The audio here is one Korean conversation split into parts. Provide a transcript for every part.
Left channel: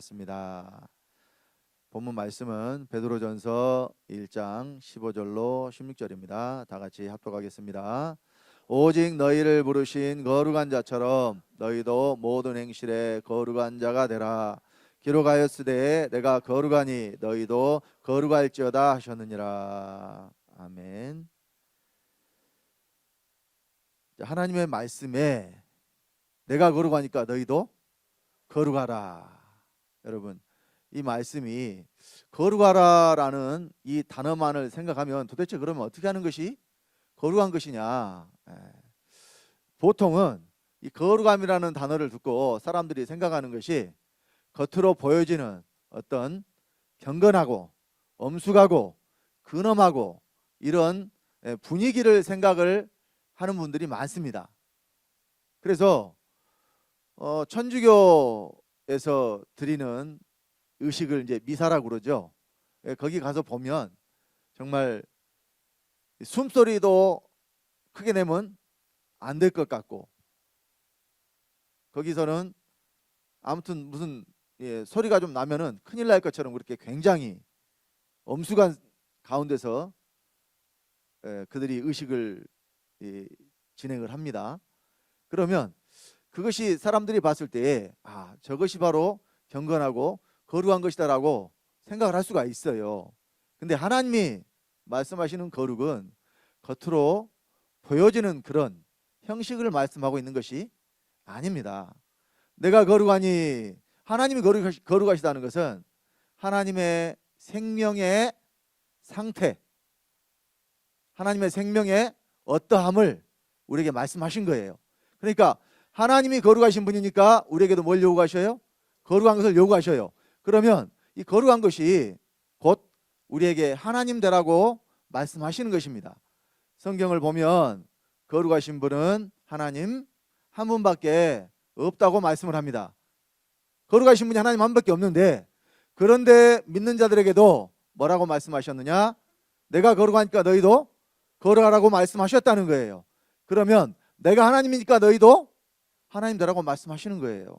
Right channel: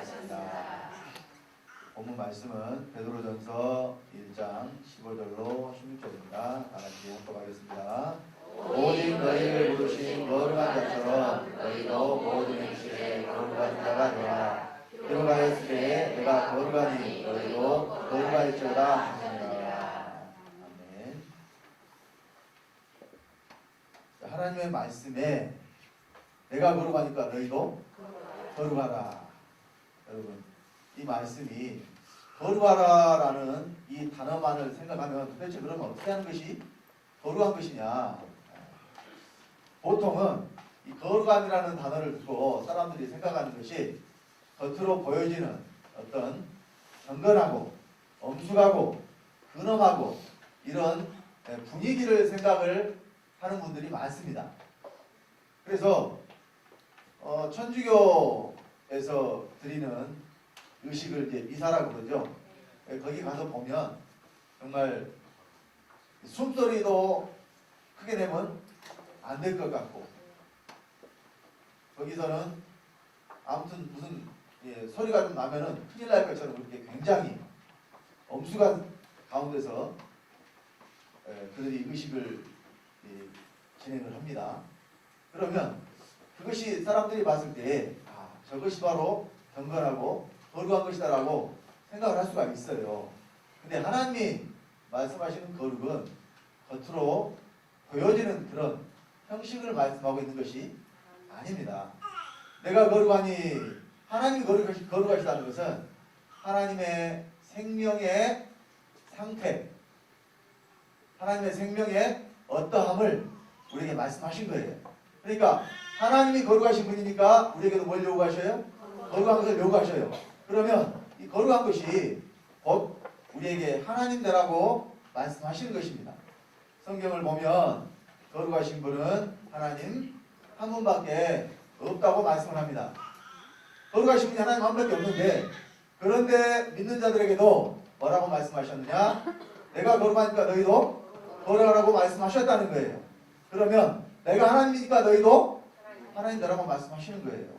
하셨습니다. 본문 말씀은 베드로전서 1장 15절로 16절입니다. 다 같이 합독하겠습니다. 오직 너희를 부르신 거룩한 자처럼 너희도 모든 행실에 거룩한 자가 되라. 기록하였으되 내가 거룩하니 너희도 거룩할지어다 하셨느니라. 아멘. 하나님의 말씀에 내가 거룩하니까 너희도 거룩하라. 여러분, 이 말씀이 거룩하라라는 이 단어만을 생각하면 도대체 그러면 어떻게 하는 것이 거룩한 것이냐. 보통은 이 거룩함이라는 단어를 듣고 사람들이 생각하는 것이 겉으로 보여지는 어떤 경건하고 엄숙하고 근엄하고 이런 분위기를 생각을 하는 분들이 많습니다. 그래서 천주교에서 드리는 의식을 이제 미사라고 그러죠. 거기 가서 보면 정말 숨소리도 크게 내면 안 될 것 같고, 거기서는 아무튼 무슨 소리가 좀 나면은 큰일 날 것처럼 그렇게 굉장히 엄숙한 가운데서 그들이 의식을 진행을 합니다. 그러면 그것이 사람들이 봤을 때 저것이 바로 경건하고 거룩한 것이다라고 생각을 할 수가 있어요. 근데 하나님이 말씀하시는 거룩은 겉으로 보여지는 그런 형식을 말씀하고 있는 것이 아닙니다. 내가 거룩하니, 하나님이 거룩하시다는 것은 하나님의 생명의 상태, 하나님의 생명의 어떠함을 우리에게 말씀하신 거예요. 그러니까 하나님이 거룩하신 분이니까 우리에게도 뭘 요구하셔요? 거룩한 것을 요구하셔요. 그러면 이 거룩한 것이 곧 우리에게 하나님 되라고 말씀하시는 것입니다. 성경을 보면 거룩하신 분은 하나님 한 분밖에 없다고 말씀을 합니다. 거룩하신 분이 하나님 한 분밖에 없는데, 그런데 믿는 자들에게도 뭐라고 말씀하셨느냐? 내가 거룩하니까 너희도 거룩하라고 말씀하셨다는 거예요. 그러면 내가 하나님이니까 너희도 하나님 되라고 말씀하시는 거예요.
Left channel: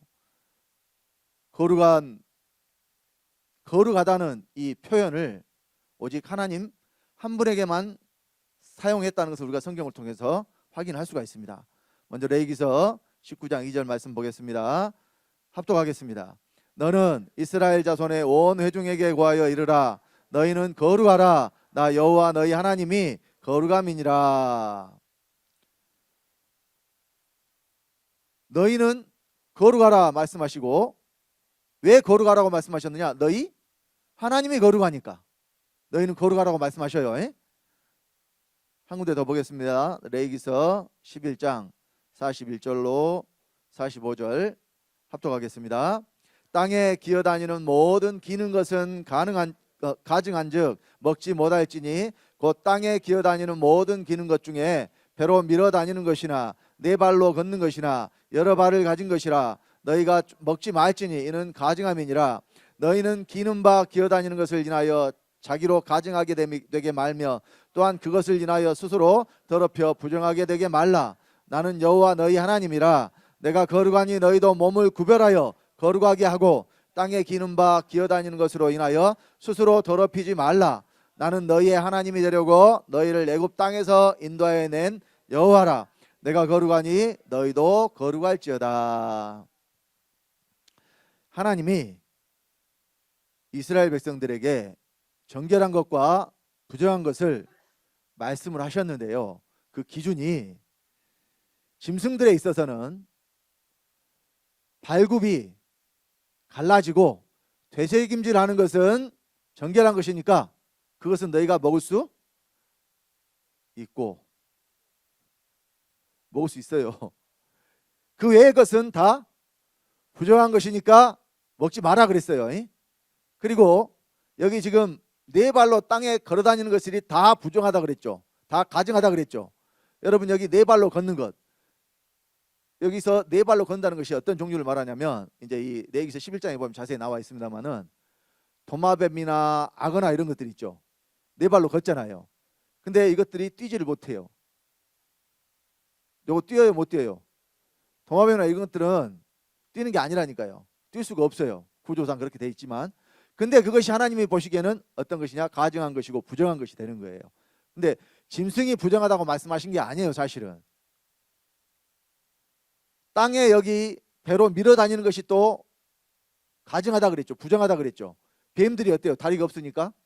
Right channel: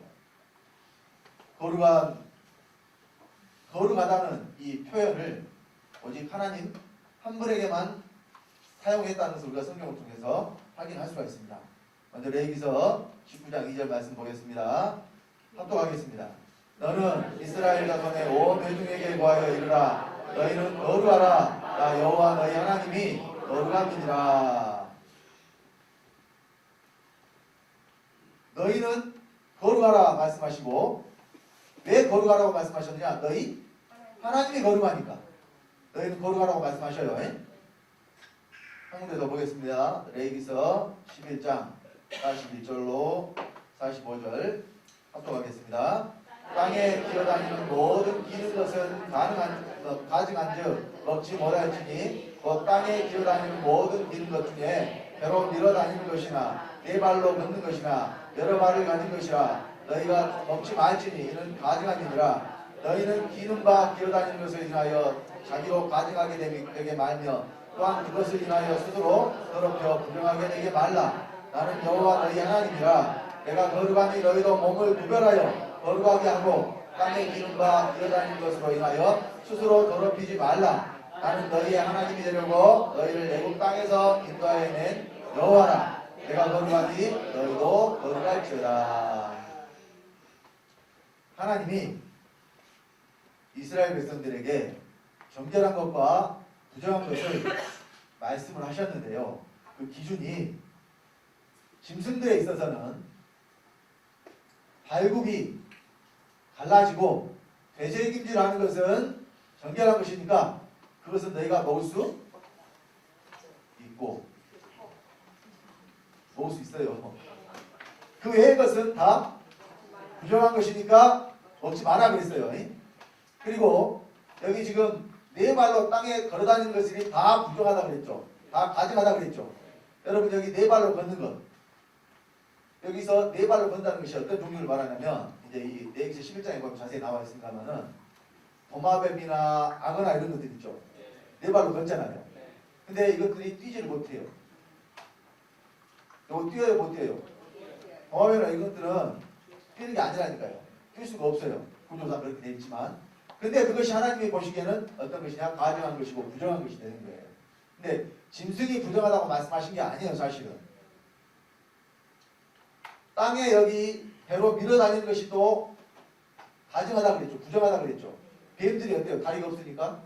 거룩하다는 이 표현을 오직 하나님 한 분에게만 사용했다는 것을 우리가 성경을 통해서 확인할 수가 있습니다. 먼저 레위기서 19장 2절 말씀 보겠습니다. 합독하겠습니다. 너는 이스라엘 자손의 온 회중에게 구하여 이르라. 너희는 거룩하라. 나 여호와 너희 하나님이 거룩함이니라. 너희는 거룩하라 말씀하시고, 왜 거룩하라고 말씀하셨느냐? 너희 하나님이 거룩하니까 너희는 거룩하라고 말씀하셔요. 한 군데 더 보겠습니다. 레위기서 11장 41절로 45절 합독하겠습니다. 땅에 기어다니는 모든 기는 것은 가증한즉 먹지 못할지니 곧 땅에 기어다니는 모든 기는 것 중에 배로 밀어다니는 것이나 네 발로 걷는 것이나 여러 발을 가진 것이라 너희가 먹지 말지니 이는 가증함이니라. 너희는 기는 바 기어다니는 것을 인하여 자기로 가증하게 되게 말며 또한 그것을 인하여 스스로 더럽혀 부정하게 되게 말라. 나는 여호와 너희 하나님이라. 내가 거룩하니 너희도 몸을 구별하여 거룩하게 하고 땅에 기는 바 기어다니는 것으로 인하여 스스로 더럽히지 말라. 나는 너희의 하나님이 되려고 너희를 애굽 땅에서 인도하여 낸 여호와라. 내가 거룩하니 너희도 거룩할지어다. 하나님이 이스라엘 백성들에게 정결한 것과 부정한 것을 말씀을 하셨는데요. 그 기준이 짐승들에 있어서는 발굽이 갈라지고 되새김질하는 것은 정결한 것이니까 그것은 너희가 먹을 수 있고 먹을 수 있어요. 그 외의 것은 다 부정한 것이니까 먹지 마라 그랬어요. 그리고 여기 지금 네 발로 땅에 걸어다니는 것들이 다 부정하다 그랬죠. 다 가증하다 그랬죠. 여러분, 여기 네 발로 걷는 것, 여기서 네 발로 건다는 것이 어떤 종류를 말하냐면, 이제 이 레위기서 11장에 보면 자세히 나와 있습니다만은 도마뱀이나 악어나 이런 것들 있죠. 네 발로 걷잖아요. 근데 이것들이 뛰지를 못해요. 요거 뛰어요, 못 뛰어요? 도마뱀이나 이런 것들은 뛰는 게 아니라니까요. 뛸 수가 없어요. 구조상 그렇게 돼 있지만. 근데 그것이 하나님이 보시기에는 어떤 것이냐? 가증한 것이고 부정한 것이 되는 거예요. 근데 짐승이 부정하다고 말씀하신 게 아니에요, 사실은. 땅에 여기 배로 밀어 다니는 것이 또 가증하다 그랬죠. 부정하다 그랬죠. 뱀들이 어때요? 다리가 없으니까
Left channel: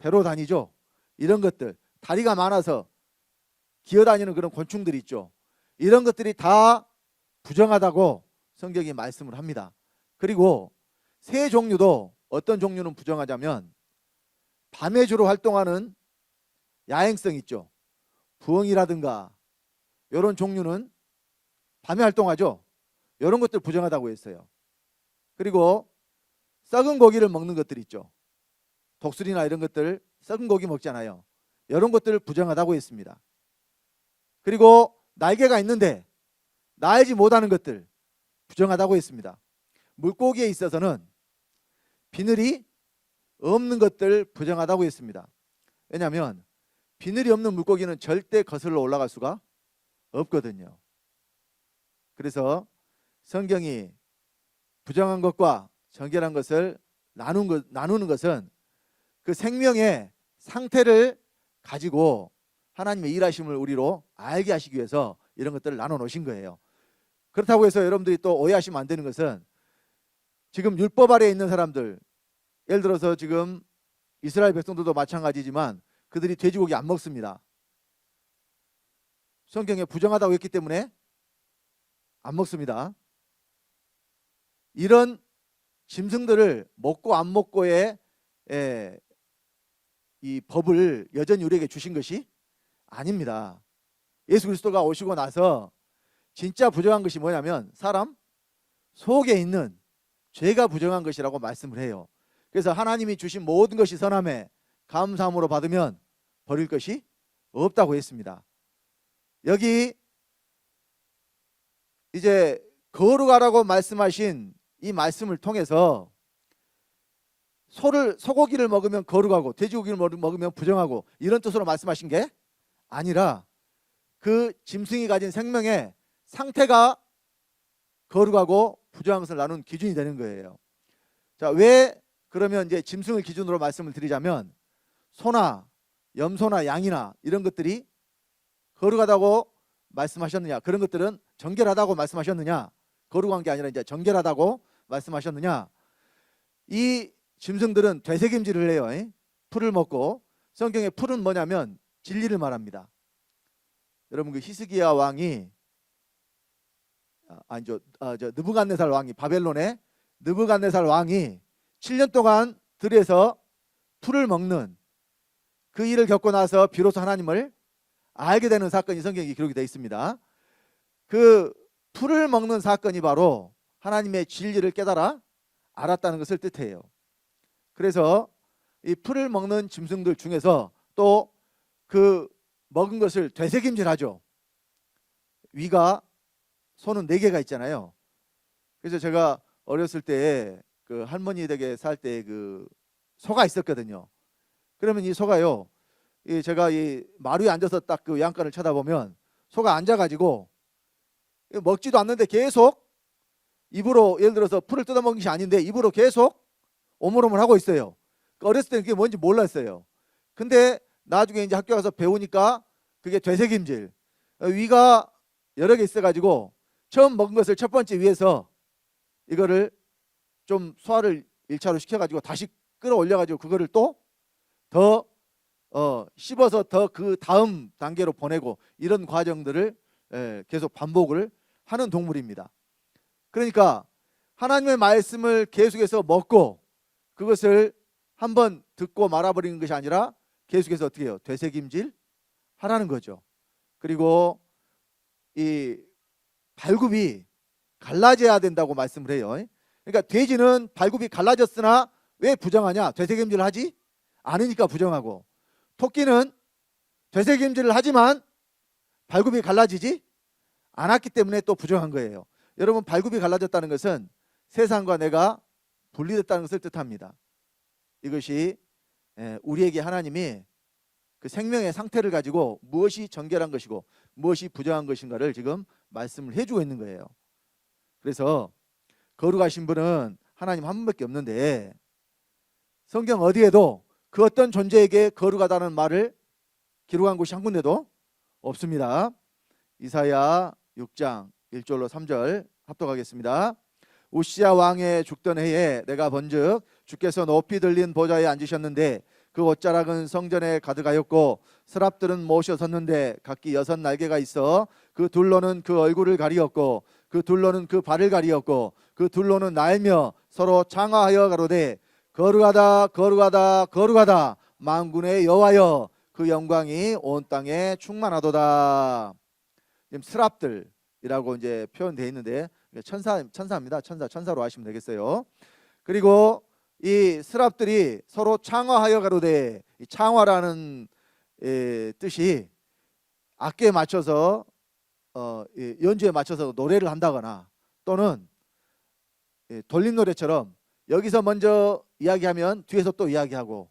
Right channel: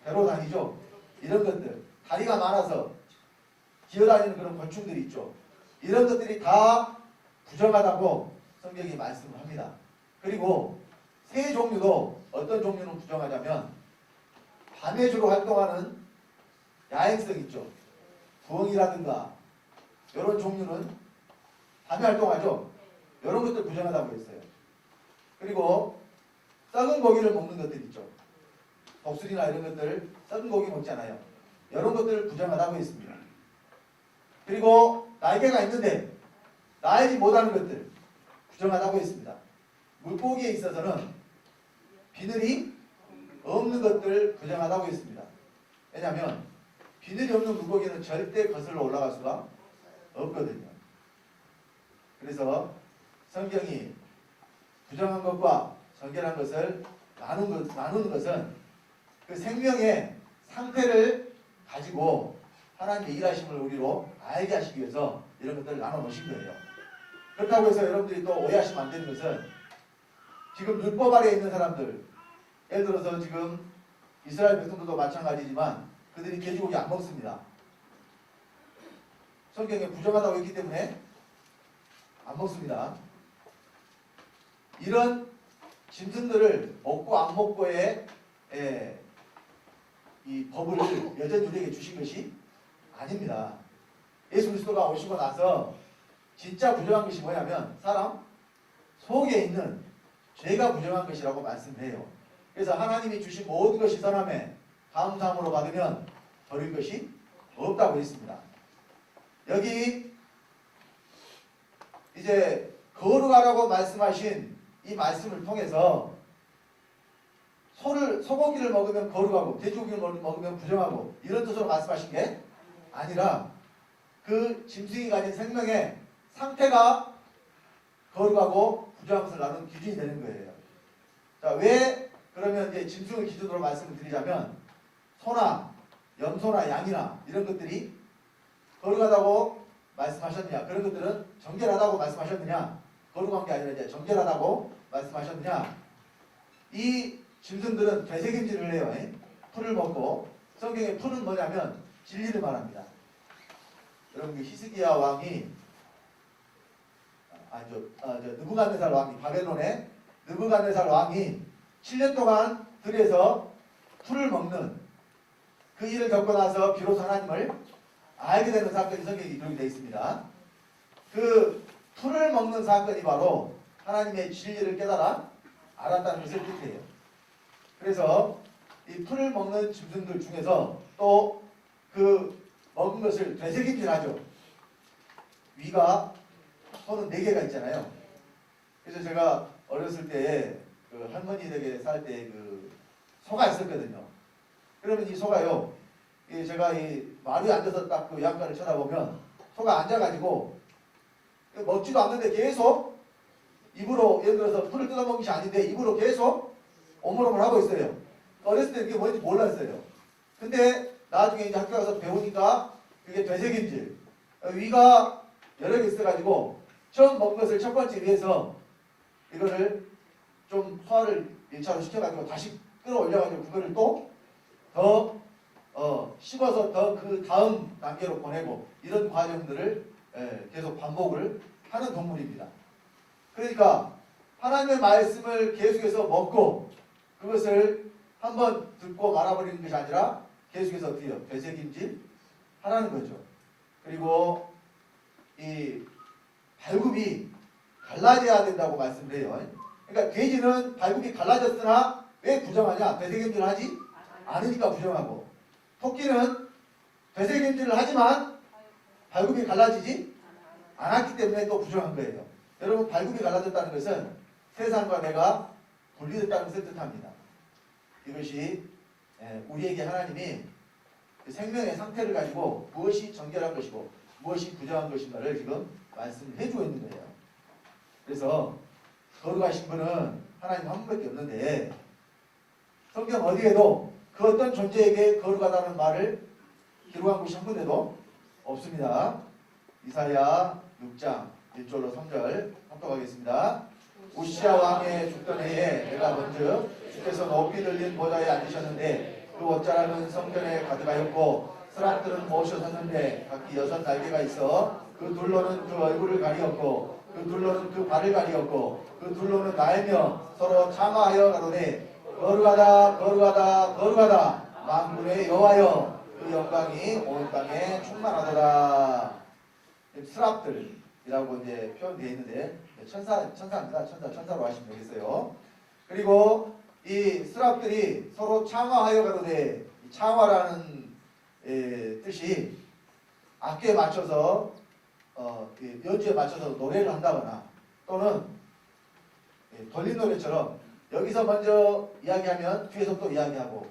배로 다니죠. 이런 것들, 다리가 많아서 기어다니는 그런 곤충들이 있죠. 이런 것들이 다 부정하다고 성경이 말씀을 합니다. 그리고 새 종류도 어떤 종류는 부정하자면 밤에 주로 활동하는 야행성 있죠. 부엉이라든가 이런 종류는 밤에 활동하죠. 이런 것들 부정하다고 했어요. 그리고 썩은 고기를 먹는 것들 있죠. 독수리나 이런 것들 썩은 고기 먹잖아요. 이런 것들을 부정하다고 했습니다. 그리고 날개가 있는데 날지 못하는 것들 부정하다고 했습니다. 물고기에 있어서는 비늘이 없는 것들 부정하다고 했습니다. 왜냐하면 비늘이 없는 물고기는 절대 거슬러 올라갈 수가 없거든요. 그래서 성경이 부정한 것과 정결한 것을 나누는 것은 그 생명의 상태를 가지고 하나님의 일하심을 우리로 알게 하시기 위해서 이런 것들을 나눠 놓으신 거예요. 그렇다고 해서 여러분들이 또 오해하시면 안 되는 것은 지금 율법 아래에 있는 사람들, 예를 들어서 지금 이스라엘 백성들도 마찬가지지만 그들이 돼지고기 안 먹습니다. 성경에 부정하다고 했기 때문에 안 먹습니다. 이런 짐승들을 먹고 안 먹고의 이 법을 여전히 우리에게 주신 것이 아닙니다. 예수 그리스도가 오시고 나서 진짜 부정한 것이 뭐냐면 사람 속에 있는 죄가 부정한 것이라고 말씀을 해요. 그래서 하나님이 주신 모든 것이 선함에 감사함으로 받으면 버릴 것이 없다고 했습니다. 여기 이제 거룩하라고 말씀하신 이 말씀을 통해서 소고기를 먹으면 거룩하고 돼지고기를 먹으면 부정하고 이런 뜻으로 말씀하신 게 아니라 그 짐승이 가진 생명의 상태가 거룩하고 부정한 것을 나눈 기준이 되는 거예요. 자, 왜 그러면 이제 짐승을 기준으로 말씀을 드리자면 소나 염소나 양이나 이런 것들이 거룩하다고 말씀하셨느냐? 그런 것들은 정결하다고 말씀하셨느냐? 거룩한 게 아니라 이제 정결하다고 말씀하셨느냐? 이 짐승들은 되새김질을 해요. 풀을 먹고 성경의 풀은 뭐냐면 진리를 말합니다. 여러분 그 히스기야 왕이 느부갓네살 왕이 바벨론의 느부갓네살 왕이 7년 동안 들에서 풀을 먹는 그 일을 겪고 나서 비로소 하나님을 알게 되는 사건이 성경에 기록이 되어 있습니다. 그 풀을 먹는 사건이 바로 하나님의 진리를 깨달아 알았다는 것을 뜻해요. 그래서 이 풀을 먹는 짐승들 중에서 또 그 먹은 것을 되새김질하죠. 위가 손은 4개가 있잖아요. 그래서 제가 어렸을 때 그 할머니 댁에 살 때 그 소가 있었거든요. 그러면 이 소가요, 제가 이 마루에 앉아서 딱 그 양간을 쳐다보면 소가 앉아가지고 먹지도 않는데 계속 입으로, 예를 들어서 풀을 뜯어먹는 것이 아닌데 입으로 계속 오물오물 하고 있어요. 어렸을 때 그게 뭔지 몰랐어요. 근데 나중에 이제 학교 가서 배우니까 그게 되새김질. 위가 여러 개 있어가지고 처음 먹은 것을 첫 번째 위에서 이거를 좀 소화를 1차로 시켜가지고 다시 끌어올려가지고 그거를 또 더 씹어서 더 그 다음 단계로 보내고 이런 과정들을 계속 반복을 하는 동물입니다. 그러니까 하나님의 말씀을 계속해서 먹고 그것을 한번 듣고 말아버리는 것이 아니라 계속해서 어떻게 해요? 되새김질 하라는 거죠. 그리고 이 발굽이 갈라져야 된다고 말씀을 해요. 그러니까 돼지는 발굽이 갈라졌으나 왜 부정하냐? 되새김질을 하지 않으니까 부정하고, 토끼는 되새김질을 하지만 발굽이 갈라지지 않았기 때문에 또 부정한 거예요. 여러분, 발굽이 갈라졌다는 것은 세상과 내가 분리됐다는 것을 뜻합니다. 이것이 우리에게 하나님이 그 생명의 상태를 가지고 무엇이 정결한 것이고 무엇이 부정한 것인가를 지금 말씀을 해주고 있는 거예요. 그래서 거룩하신 분은 하나님 한 분밖에 없는데 성경 어디에도 그 어떤 존재에게 거룩하다는 말을 기록한 곳이 한 군데도 없습니다. 이사야 6장 1절로 3절 합독하겠습니다. 우시야 왕의 죽던 해에 내가 본즉 주께서 높이 들린 보좌에 앉으셨는데 그 옷자락은 성전에 가득하였고 스랍들은 모셔 섰는데 각기 6 날개가 있어 그 둘로는 그 얼굴을 가리었고 그 둘로는 그 발을 가리었고 그 둘로는 날며 서로 창화하여 가로되 거룩하다 거룩하다 거룩하다 만군의 여호와여 그 영광이 온 땅에 충만하도다. 지금 스랍들이라고 이제 표현되어 있는데 천사입니다. 천사로 하시면 되겠어요. 그리고 이 스랍들이 서로 창화하여 가로되 이 창화라는 뜻이 악기에 맞춰서 연주에 맞춰서 노래를 한다거나 또는 돌림 노래처럼 여기서 먼저 이야기하면 뒤에서 또 이야기하고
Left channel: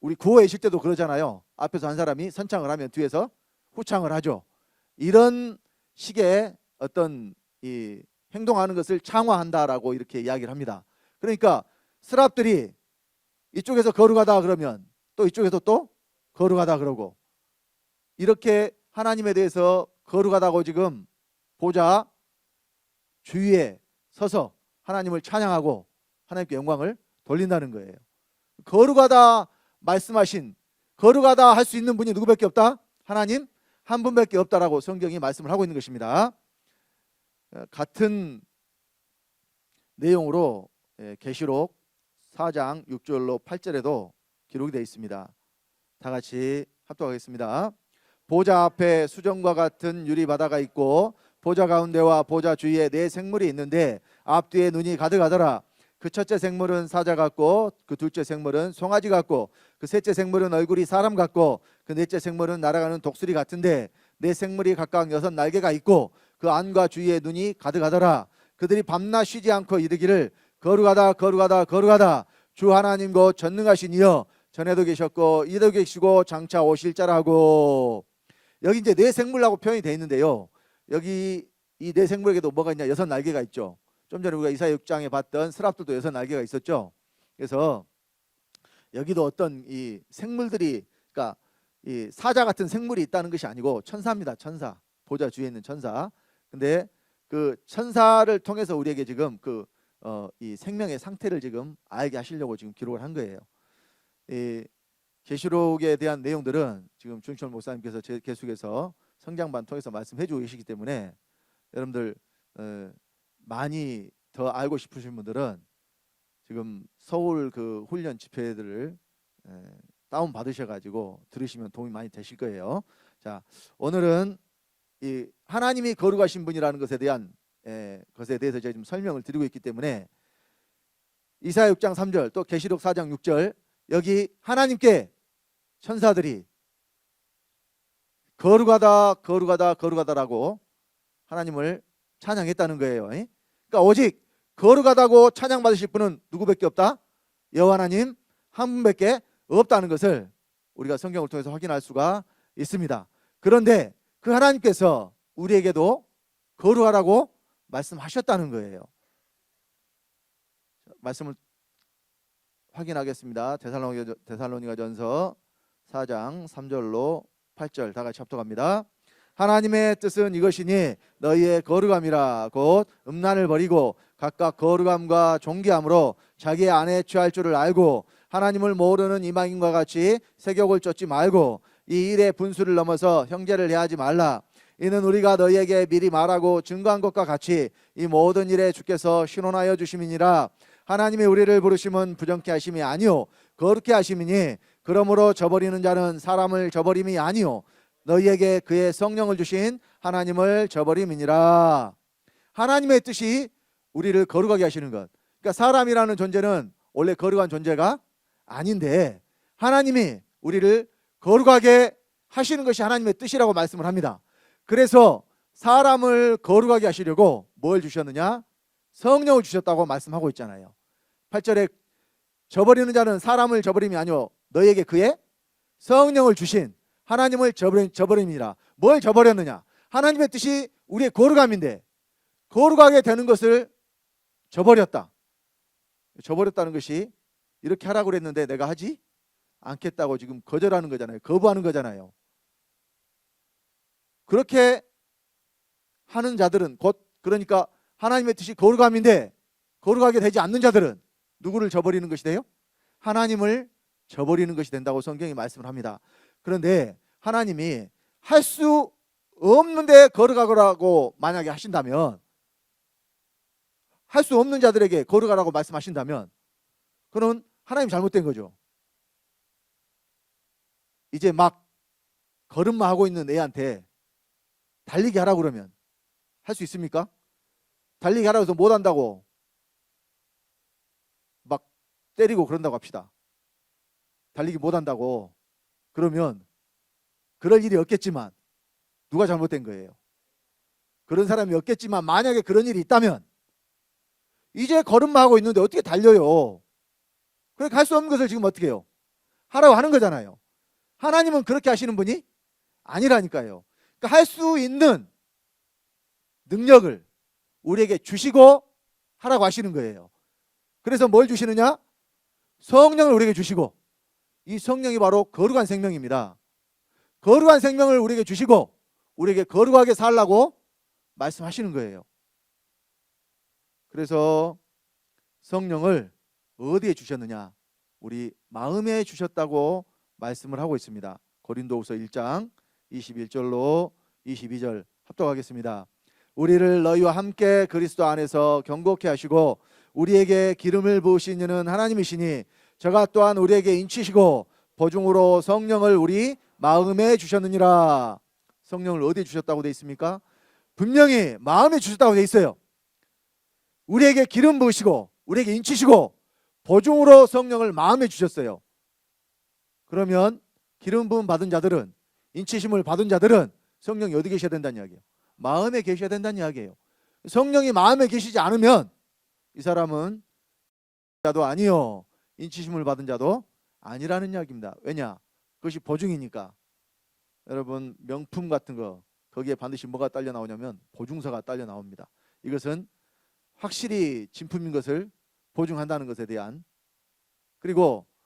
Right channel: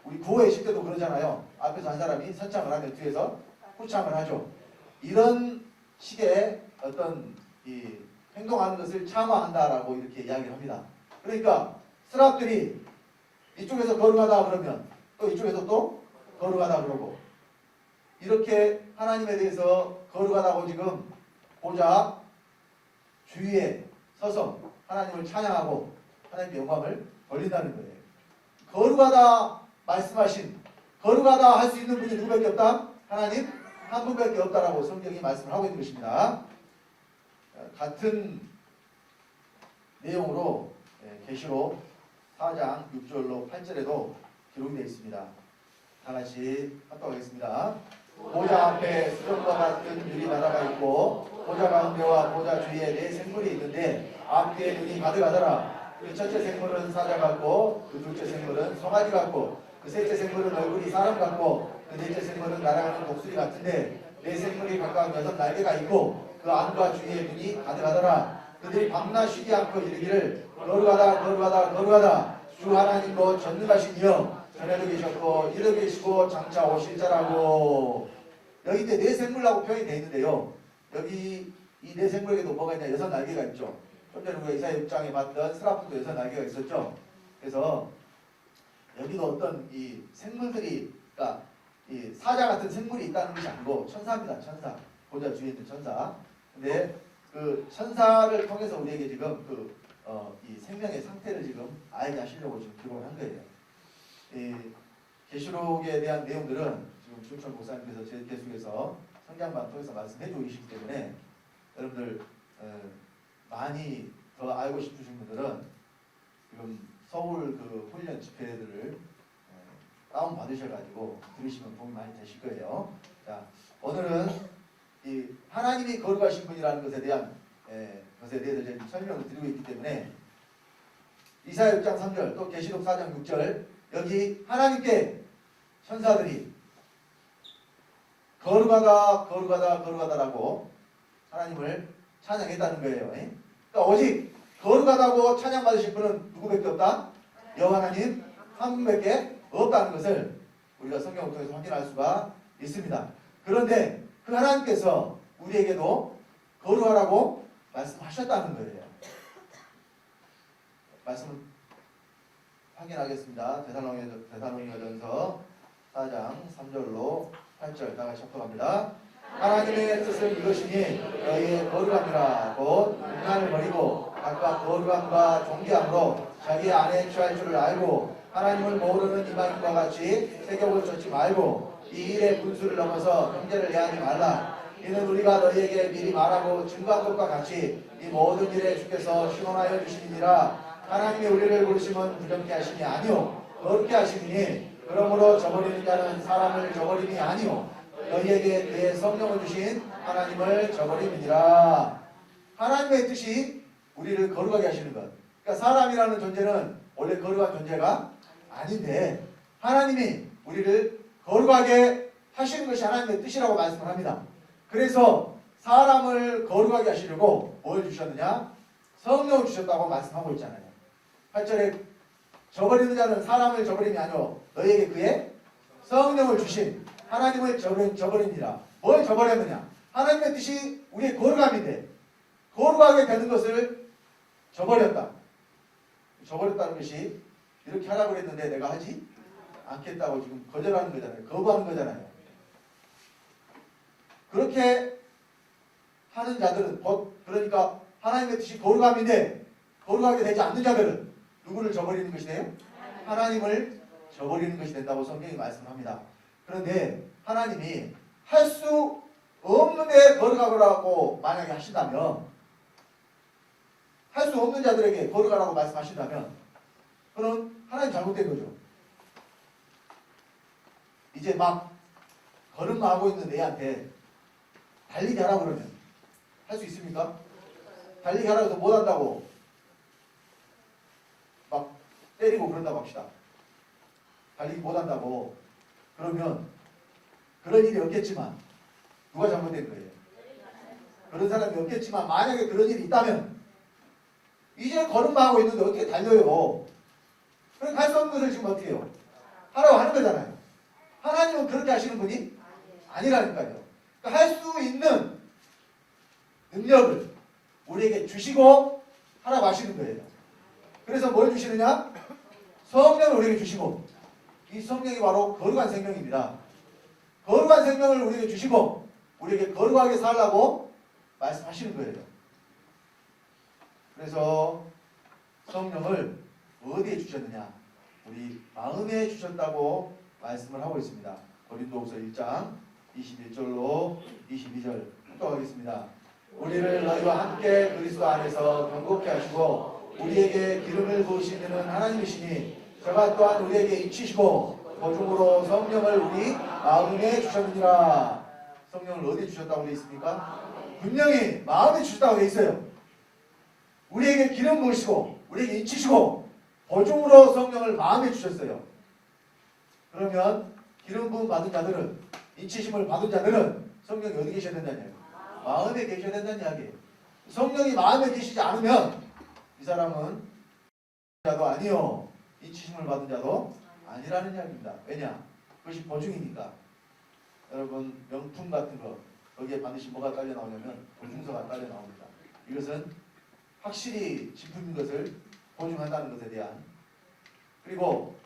우리 구호에 있을 때도 그러잖아요. 앞에서 한 사람이 선창을 하면 뒤에서 후창을 하죠. 이런 식의 어떤 이 행동하는 것을 창화한다라고 이렇게 이야기를 합니다. 그러니까 스랍들이 이쪽에서 거룩하다 그러면 또 이쪽에서 또 거룩하다 그러고 이렇게 하나님에 대해서 거룩하다고 지금 보좌 주위에 서서 하나님을 찬양하고 하나님께 영광을 돌린다는 거예요. 거룩하다 말씀하신 거룩하다 할 수 있는 분이 누구밖에 없다? 하나님 한 분밖에 없다라고 성경이 말씀을 하고 있는 것입니다. 같은 내용으로 계시록 4장 6절로 8절에도 기록이 되어 있습니다. 다 같이 합독하겠습니다. 보좌 앞에 수정과 같은 유리바다가 있고 보좌 가운데와 보좌 주위에 4 생물이 있는데 앞뒤에 눈이 가득하더라. 그 첫째 생물은 사자 같고 그 둘째 생물은 송아지 같고 그 셋째 생물은 얼굴이 사람 같고 그 넷째 생물은 날아가는 독수리 같은데 4 생물이 각각 6 날개가 있고 그 안과 주위에 눈이 가득하더라. 그들이 밤낮 쉬지 않고 이르기를 거룩하다 거룩하다 거룩하다 주 하나님 곧 전능하신 이여 전에도 계셨고 이도 계시고 장차 오실 자라고. 여기 이제 4 생물이라고 표현이 되어 있는데요. 여기 이 4 생물에게도 뭐가 있냐? 6 날개가 있죠. 좀 전에 우리가 이사야 6장에 봤던 스랍들도 6 날개가 있었죠. 그래서 여기도 어떤 이 생물들이 그러니까 이 사자 같은 생물이 있다는 것이 아니고 천사입니다. 천사. 보좌 주위에 있는 천사. 근데 그 천사를 통해서 우리에게 지금 이 생명의 상태를 지금 알게 하시려고 지금 기록을 한 거예요. 이 계시록에 대한 내용들은 지금 주영철 목사님께서 계속해서 성장반 통해서 말씀해 주고 계시기 때문에 여러분들 많이 더 알고 싶으신 분들은 지금 서울 그 훈련 집회들을 다운 받으셔가지고 들으시면 도움이 많이 되실 거예요. 자, 오늘은 이 하나님이 거룩하신 분이라는 것에 대한 것에 대해서 제가 지금 설명을 드리고 있기 때문에 이사야 6장 3절 또 계시록 4장 6절 여기 하나님께 천사들이 거룩하다 거룩하다 거룩하다라고 하나님을 찬양했다는 거예요. 그러니까 오직 거룩하다고 찬양받으실 분은 누구밖에 없다? 여호와 하나님 한 분밖에 없다는 것을 우리가 성경을 통해서 확인할 수가 있습니다. 그런데 그 하나님께서 우리에게도 거룩하라고 말씀하셨다는 거예요. 말씀을 확인하겠습니다. 데살로니가전서 4장 3절로 8절 다 같이 합독합니다. 하나님의 뜻은 이것이니 너희의 거룩함이라 곧 음란을 버리고 각각 거룩함과 존귀함으로 자기 안에 취할 줄을 알고 하나님을 모르는 이방인과 같이 세욕을 쫓지 말고 이 일의 분수를 넘어서 형제를 해하지 말라. 이는 우리가 너희에게 미리 말하고 증거한 것과 같이 이 모든 일에 주께서 신원하여 주심이니라. 하나님이 우리를 부르심은 부정케 하심이 아니요 거룩케 하심이니 그러므로 저버리는 자는 사람을 저버림이 아니요 너희에게 그의 성령을 주신 하나님을 저버림이니라. 하나님의 뜻이 우리를 거룩하게 하시는 것. 그러니까 사람이라는 존재는 원래 거룩한 존재가 아닌데 하나님이 우리를 거룩하게 하시는 것이 하나님의 뜻이라고 말씀을 합니다. 그래서 사람을 거룩하게 하시려고 뭘 주셨느냐? 성령을 주셨다고 말씀하고 있잖아요. 8절에 저버리는 자는 사람을 저버림이 아니오 너희에게 그의 성령을 주신 하나님을 저버리니라. 뭘 저버렸느냐? 하나님의 뜻이 우리의 거룩함인데 거룩하게 되는 것을 저버렸다. 저버렸다는 것이 이렇게 하라고 그랬는데 내가 하지 않겠다고 지금 거절하는 거잖아요. 거부하는 거잖아요. 그렇게 하는 자들은 곧 그러니까 하나님의 뜻이 거룩함인데 거룩하게 되지 않는 자들은 누구를 저버리는 것이 돼요? 하나님을 저버리는 것이 된다고 성경이 말씀을 합니다. 그런데 하나님이 할 수 없는데 거룩하라고 만약에 하신다면, 할 수 없는 자들에게 거룩하라고 말씀하신다면 그러면 하나님 잘못된 거죠. 이제 막 걸음마 하고 있는 애한테 달리기 하라고 그러면 할 수 있습니까? 달리기 하라고 해서 못한다고 막 때리고 그런다고 합시다. 달리기 못한다고 그러면 그런 일이 없겠지만 누가 잘못된 거예요? 그런 사람이 없겠지만 만약에 그런 일이 있다면 이제 걸음마 하고 있는데 어떻게 달려요? 그래 갈 수 없는 것을 지금 어떻게 해요? 하라고 하는 거잖아요. 하나님은 그렇게 하시는 분이 아니라니까요. 그러니까 할 수 있는 능력을 우리에게 주시고 하라고 하시는 거예요. 그래서 뭘 주시느냐? 성령을 우리에게 주시고, 이 성령이 바로 거룩한 생명입니다. 거룩한 생명을 우리에게 주시고 우리에게 거룩하게 살라고 말씀하시는 거예요. 그래서 성령을 어디에 주셨느냐? 우리 마음에 주셨다고 말씀을 하고 있습니다. 고린도후서 1장 21절로 22절 합독하겠습니다. 우리를 너희와 함께 그리스도 안에서 경고케 하시고 우리에게 기름을 부으신 이는 하나님이시니 저가 또한 우리에게 인치시고 보증으로 성령을 우리 마음에 주셨느니라. 성령을 어디에 주셨다고 되어 있습니까? 분명히 마음에 주셨다고 되어 있어요. 우리에게 기름 부으시고 우리에게 인치시고 보증으로 성령을 마음에 주셨어요. 그러면 기름 부음 받은 자들은, 인치심을 받은 자들은 성령이 어디 계셔야 된다는 이야기예요? 마음에 계셔야 된다는 이야기예요. 성령이 마음에 계시지 않으면 이 사람은 자도 아니요, 인치심을 받은 자도 아니라는 이야기입니다. 왜냐? 그것이 보증이니까. 여러분 명품 같은 거 거기에 반드시 뭐가 딸려 나오냐면 보증서가 딸려 나옵니다. 이것은 확실히 진품인 것을 보증한다는 것에 대한. 그리고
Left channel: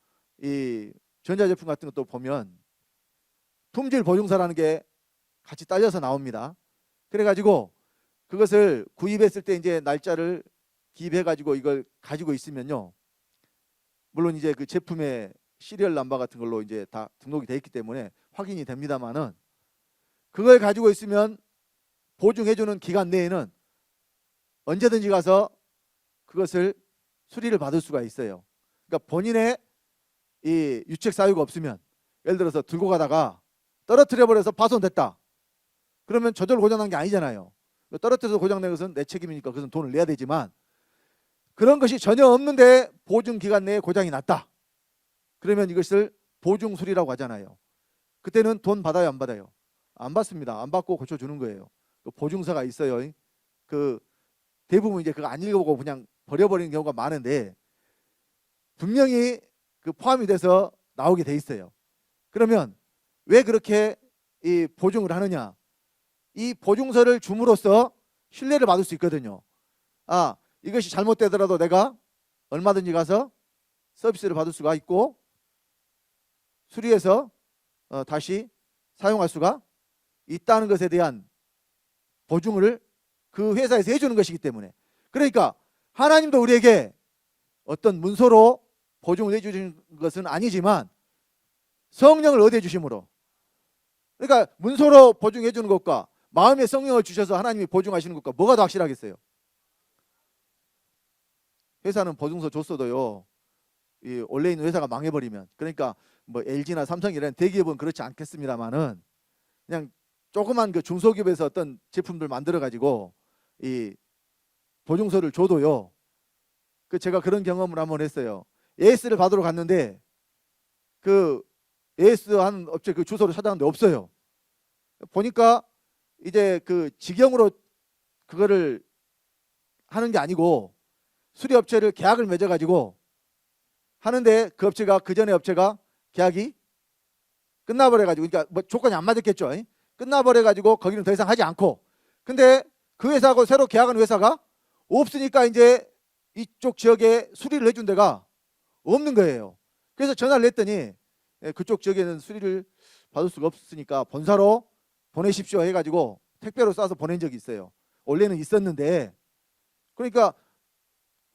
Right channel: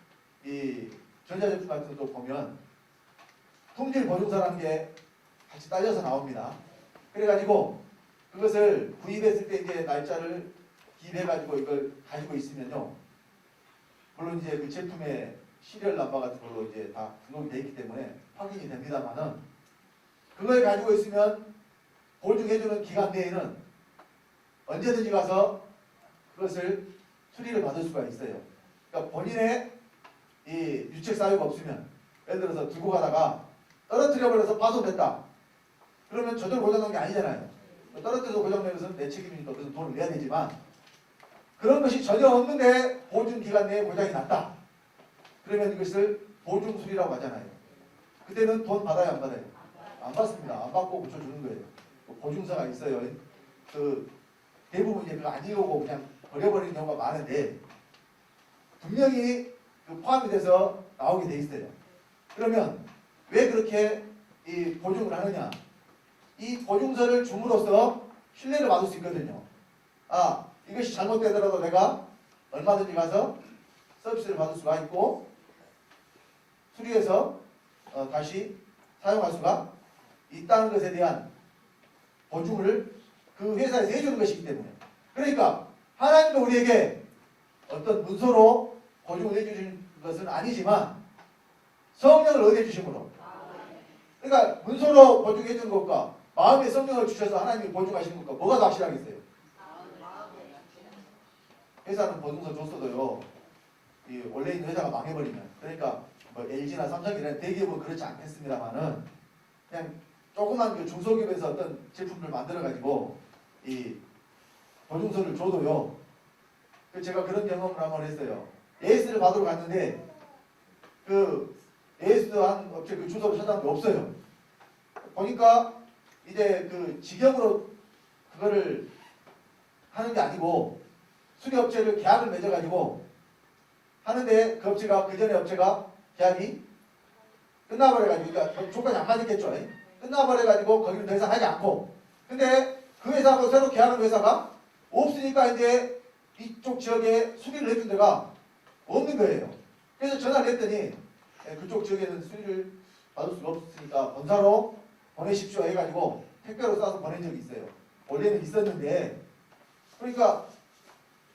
이 전자제품 같은 것도 보면 품질 보증서라는 게 같이 딸려서 나옵니다. 그래가지고 그것을 구입했을 때 이제 날짜를 기입해가지고 이걸 가지고 있으면요, 물론 이제 그 제품의 시리얼 넘버 같은 걸로 이제 다 등록이 되어 있기 때문에 확인이 됩니다만은, 그걸 가지고 있으면 보증해주는 기간 내에는 언제든지 가서 그것을 수리를 받을 수가 있어요. 그러니까 본인의 이 유책 사유가 없으면, 예를 들어서 들고 가다가 떨어뜨려 버려서 파손됐다. 그러면 저절로 고장난 게 아니잖아요. 떨어뜨려서 고장난 것은 내 책임이니까 그것은 돈을 내야 되지만, 그런 것이 전혀 없는데 보증 기간 내에 고장이 났다. 그러면 이것을 보증 수리라고 하잖아요. 그때는 돈 받아요, 안 받아요? 안 받습니다. 안 받고 고쳐주는 거예요. 보증서가 있어요. 그 대부분 이제 그거 안 읽어보고 그냥 버려버리는 경우가 많은데 분명히 그 포함이 돼서 나오게 돼 있어요. 그러면 왜 그렇게 이 보증을 하느냐? 이 보증서를 줌으로써 신뢰를 받을 수 있거든요. 아, 이것이 잘못되더라도 내가 얼마든지 가서 서비스를 받을 수가 있고 수리해서 다시 사용할 수가 있다는 것에 대한 보증을 그 회사에서 해주는 것이기 때문에. 그러니까 하나님도 우리에게 어떤 문서로 보증을 해주신 것은 아니지만 성령을 어디에 주심으로, 그러니까 문서로 보증해 주는 것과 마음에 성령을 주셔서 하나님이 보증하시는 것과 뭐가 더 확실하겠어요? 회사는 보증서 줬어도요, 이 원래 있는 회사가 망해버리면, 그러니까 뭐 LG나 삼성이라는 대기업은 그렇지 않겠습니다만은 그냥 조그만 그 중소기업에서 어떤 제품들 만들어 가지고 이 보증서를 줘도요, 그 제가 그런 경험을 한번 했어요. AS를 받으러 갔는데 그 AS 한 업체 그 주소를 찾아봤는데 없어요. 보니까 이제 그 직영으로 그거를 하는 게 아니고 수리업체를 계약을 맺어가지고 하는데 그 업체가, 그 전에 업체가 계약이 끝나버려가지고, 그러니까 뭐 조건이 안 맞았겠죠. 끝나버려가지고 거기는 더 이상 하지 않고, 근데 그 회사하고 새로 계약한 회사가 없으니까 이제 이쪽 지역에 수리를 해준 데가 없는 거예요. 그래서 전화를 했더니 그쪽 지역에는 수리를 받을 수가 없으니까 본사로 보내십시오 해가지고 택배로 싸서 보낸 적이 있어요. 원래는 있었는데, 그러니까